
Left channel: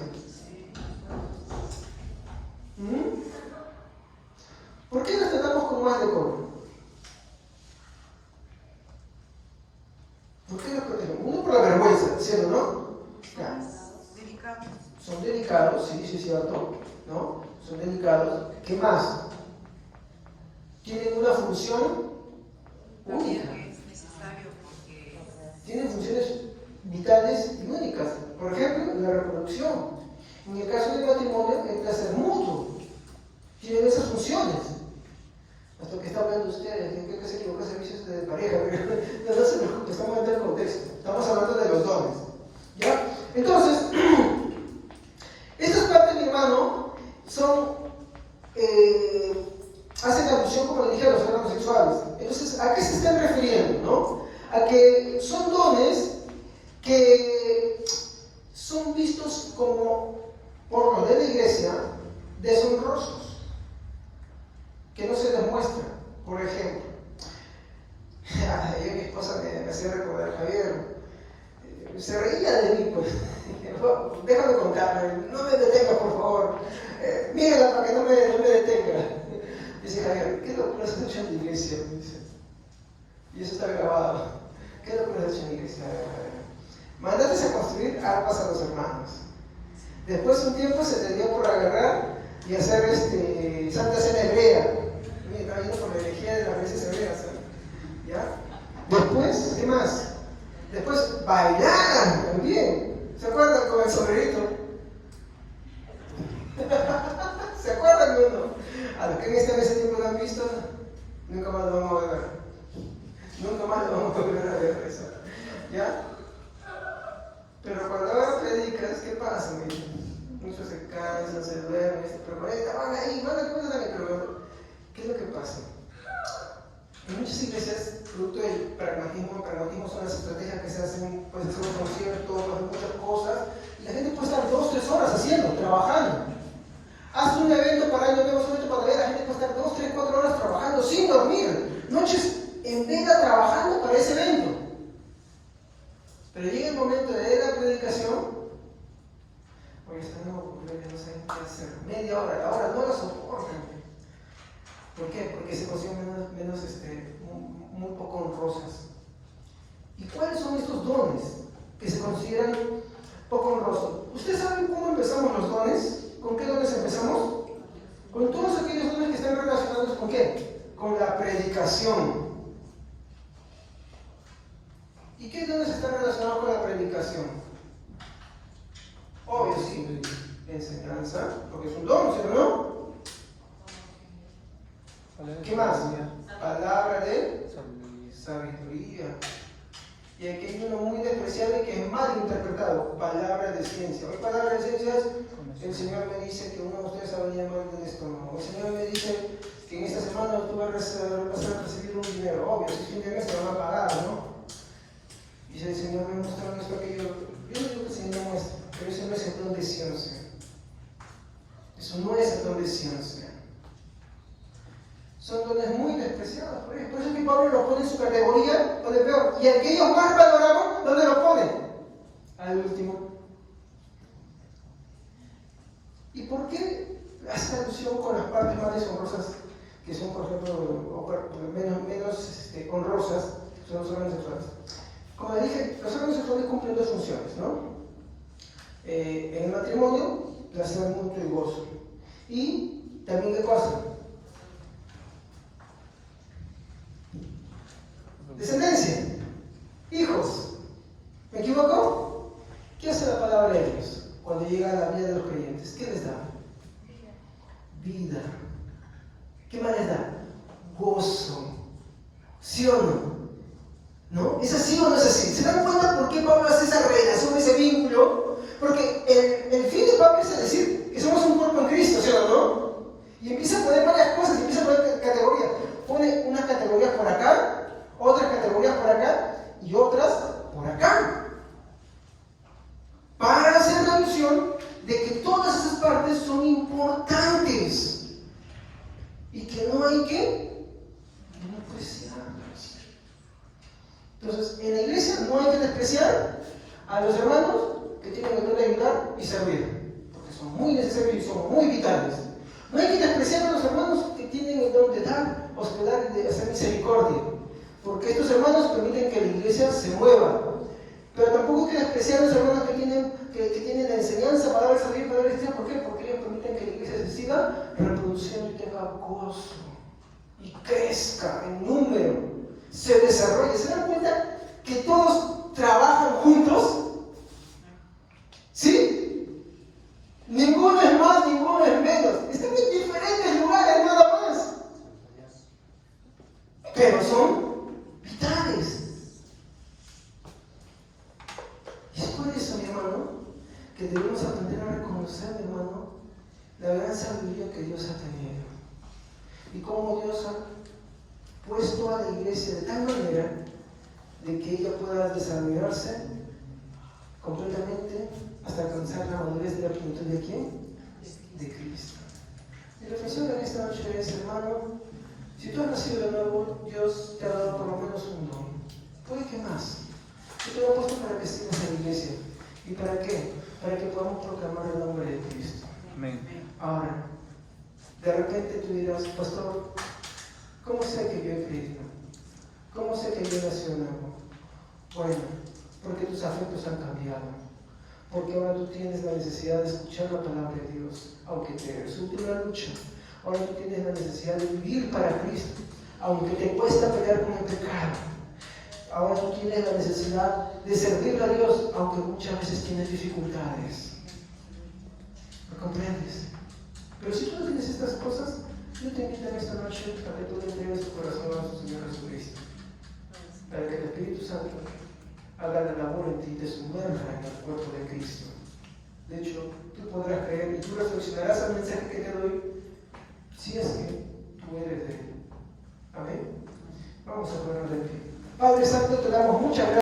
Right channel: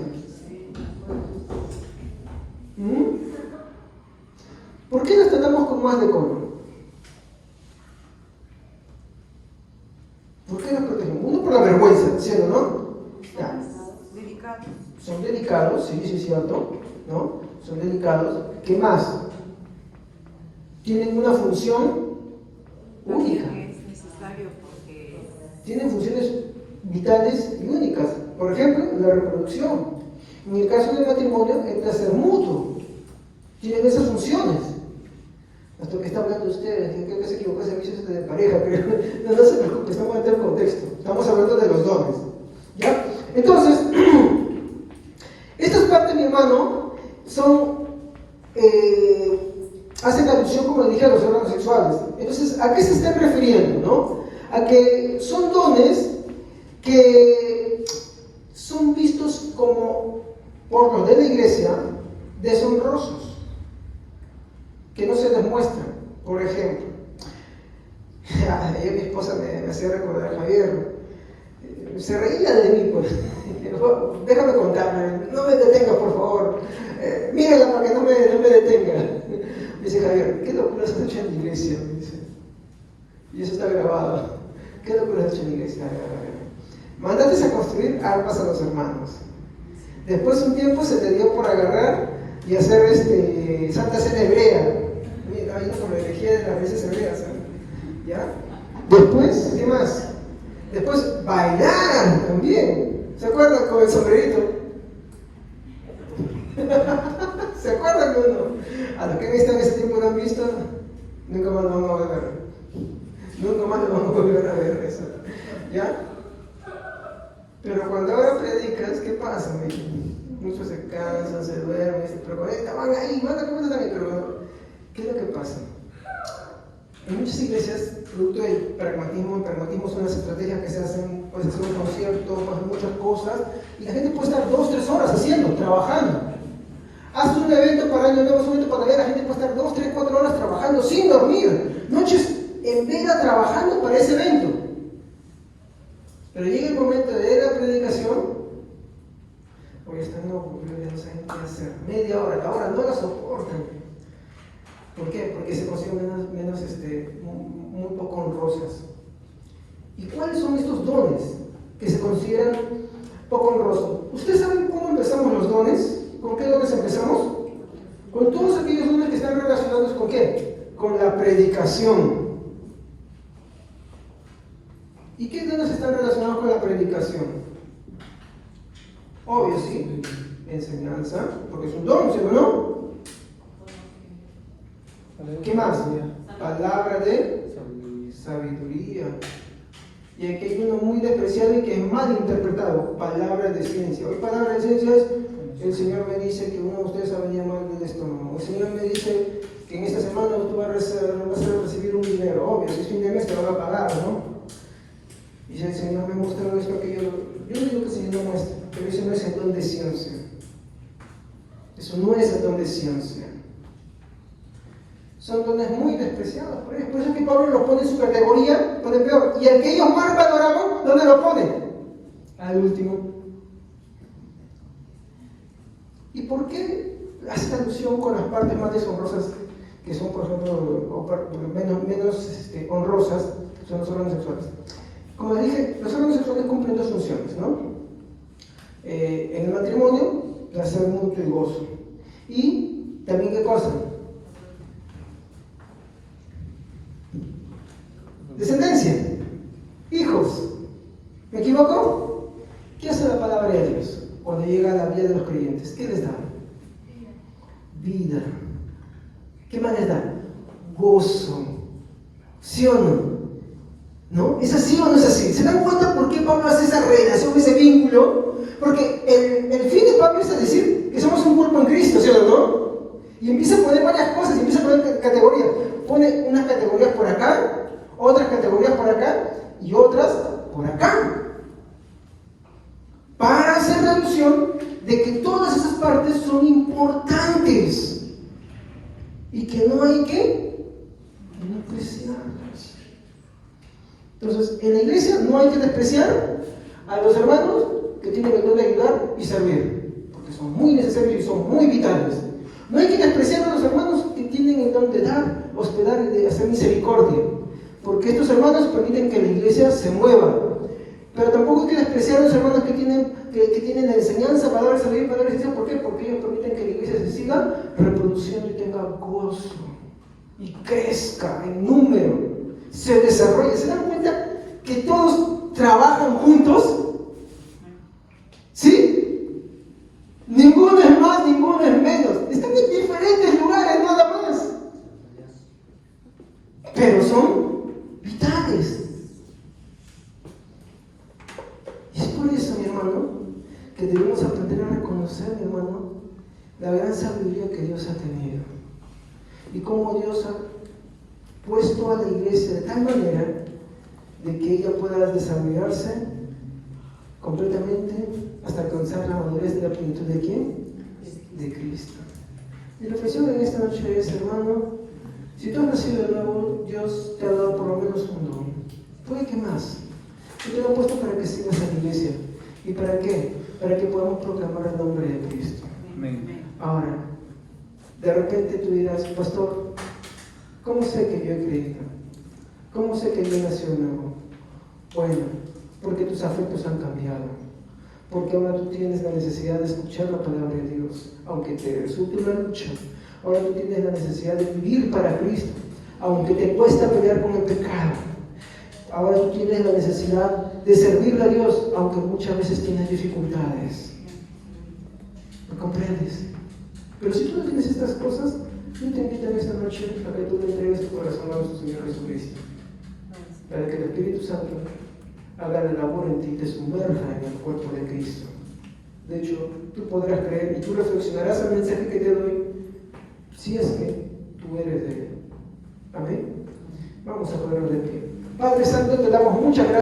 ¿Por qué las tratamos con más decoro? ¿Por qué las protegemos? Uno por la vergüenza, ¿cierto, no? Ya. Son delicados, sí, sí es cierto, ¿no? Son delicados. ¿Qué más? Tienen una función única. Es necesario porque Tienen funciones vitales y únicas. Por ejemplo, la reproducción. En el caso del matrimonio, el placer mutuo. Tienen esas funciones. Hasta que está hablando usted, creo que se equivocó, servicios de pareja, pero no se preocupe, estamos hablando del contexto. Estamos hablando de los dones. ¿Ya? Entonces, estas partes, mi hermano, hacen alusión, como le dije, a los órganos sexuales. Entonces, ¿a qué se están refiriendo? ¿No? A que son dones que son vistos como, por lo de la iglesia, deshonrosos, que no se les muestra. Por ejemplo, mi esposa me hacía recordar a Javier, se reía de mí, pues. Déjame contarme, no me detengas, por favor. Mírala para que no me detenga. Dice Javier, ¿qué locura has hecho en la iglesia? Dice. Y eso está grabado. ¿Qué locura has hecho en la iglesia? Mándate a construir armas a los hermanos. Después un tiempo se te dio por agarrar y hacer Santa Cena hebrea. Oye, estaba yendo por la herejía de las veces hebreas, ¿sabes? ¿Ya? Después, ¿qué más? Después, bailar también. ¿Se acuerdan con el sombrerito? ¿Se acuerdan o no? A lo que en ese tiempo no han visto, nunca más lo vamos a ver. Nunca más lo vamos a volver a ver eso. ¿Ya? Pero cuando ahora predicas, ¿qué pasa? Muchos se cansan, se duermen, pero van ahí, van a comer también, pero bueno, ¿qué es lo que pasa? En muchas iglesias, producto del pragmatismo son unas estrategias que se hacen, pues hacer un concierto, hacen muchas cosas, y la gente puede estar 2 o 3 horas haciendo, trabajando. Haz un evento para año nuevo, un evento para Navidad, la gente puede estar 2, 3, 4 horas trabajando sin dormir, noches en vela trabajando para ese evento. Pero llega el momento de la predicación, porque está loco, porque no saben qué hacer. Media hora, la hora no la soportan. ¿Por qué? Porque se consiguen muy poco honrosas. ¿Y cuáles son estos dones? que se consideran poco honrosos. ¿Ustedes saben cómo empezamos los dones? ¿Con qué dones empezamos? Con todos aquellos dones que están relacionados con ¿qué? Con la predicación. ¿Y qué dones están relacionados con la predicación? Obvio, sí, enseñanza, porque es un don, ¿sí o no? ¿Qué más? Palabra de sabiduría. Y aquí hay uno muy despreciable que es mal interpretado, palabra de ciencia. Hoy palabra de ciencia es, el Señor me dice que uno de ustedes va a venir mal del estómago. El Señor me dice que en esta semana tú vas a recibir un dinero. Obvio, si es fin de mes te lo va a pagar, ¿no? Y si el Señor me mostró esto, que yo no digo que el Señor me muestre, pero eso no es el don de ciencia. Eso no es el don de ciencia. Son dones muy despreciados. Por eso es que Pablo los pone en su categoría donde peor. Y al que ellos más valoraban, ¿dónde lo pone? Al último. ¿Y por qué hace alusión con las partes más deshonrosas, que son, por ejemplo, menos honrosas, son los órganos sexuales? Como les dije, los órganos sexuales cumplen dos funciones, ¿no? En el matrimonio, placer mutuo y gozo. Y también, ¿qué cosa? Descendencia, hijos. ¿Me equivoco? ¿Qué hace la palabra de Dios cuando llega a la vida de los creyentes? ¿Qué les da? Vida. ¿Qué más les da? Gozo. ¿Sí o no? ¿No? ¿Es así o no es así? ¿Se dan cuenta por qué Pablo hace esa relación, ese vínculo? Porque el fin de Pablo es decir que somos un cuerpo en Cristo, ¿sí o no? Y empieza a poner varias cosas, empieza a poner categorías. Pone unas categorías por acá, otras categorías por acá y otras por acá. Para hacer la alusión de que todas esas partes son importantes y que no hay que despreciarlas. Entonces, en la iglesia no hay que despreciar a los hermanos que tienen el don de ayudar y servir, porque son muy necesarios y son muy vitales. No hay que despreciar a los hermanos que tienen el don de dar, hospedar y de hacer misericordia, porque estos hermanos permiten que la iglesia se mueva. Pero tampoco hay que despreciar a los hermanos que tienen la enseñanza para dar salir, para dar estudiar. ¿Por qué? Porque ellos permiten que la iglesia se siga reproduciendo y tenga gozo y crezca en número, se desarrolle. ¿Se dan cuenta que todos trabajan juntos? ¿Sí? Ninguno es más, ninguno es menos. Están en diferentes lugares nada más, pero son vitales. Y es por eso, mi hermano, que debemos aprender a reconocer, mi hermano, la gran sabiduría que Dios ha tenido y cómo Dios ha puesto a la iglesia de tal manera de que ella pueda desarrollarse completamente hasta alcanzar la madurez de la plenitud de ¿quién? De Cristo. Mi reflexión en esta noche es, hermano, si tú has nacido de nuevo, Dios te ha dado por lo menos un don. ¿Puede que más? Yo te lo he puesto para que sigas en la iglesia. ¿Y para qué? Para que podamos proclamar el nombre de Cristo. Amén. Ahora, de repente tú dirás, pastor, ¿cómo sé que yo he creído? ¿Cómo sé que yo nací de nuevo? Bueno, porque tus afectos han cambiado. Porque ahora tú tienes la necesidad de escuchar la palabra de Dios, aunque te resulte una lucha. Ahora tú tienes la necesidad de vivir para Cristo, aunque te cuesta pelear con el pecado. Ahora tú tienes la necesidad de servirle a Dios, aunque muchas veces tienes dificultades. ¿Lo comprendes? Pero si tú no tienes estas cosas, yo te invito en esta noche para que tú le entregues tu corazón a nuestro Señor Jesucristo, para que el Espíritu Santo haga la labor en ti y te sumerja en el cuerpo de Cristo. De hecho, tú podrás creer y tú reflexionarás al mensaje que te doy, si es que tú eres de Él. Amén. Vamos a ponernos de pie. Padre Santo, te damos muchas gracias.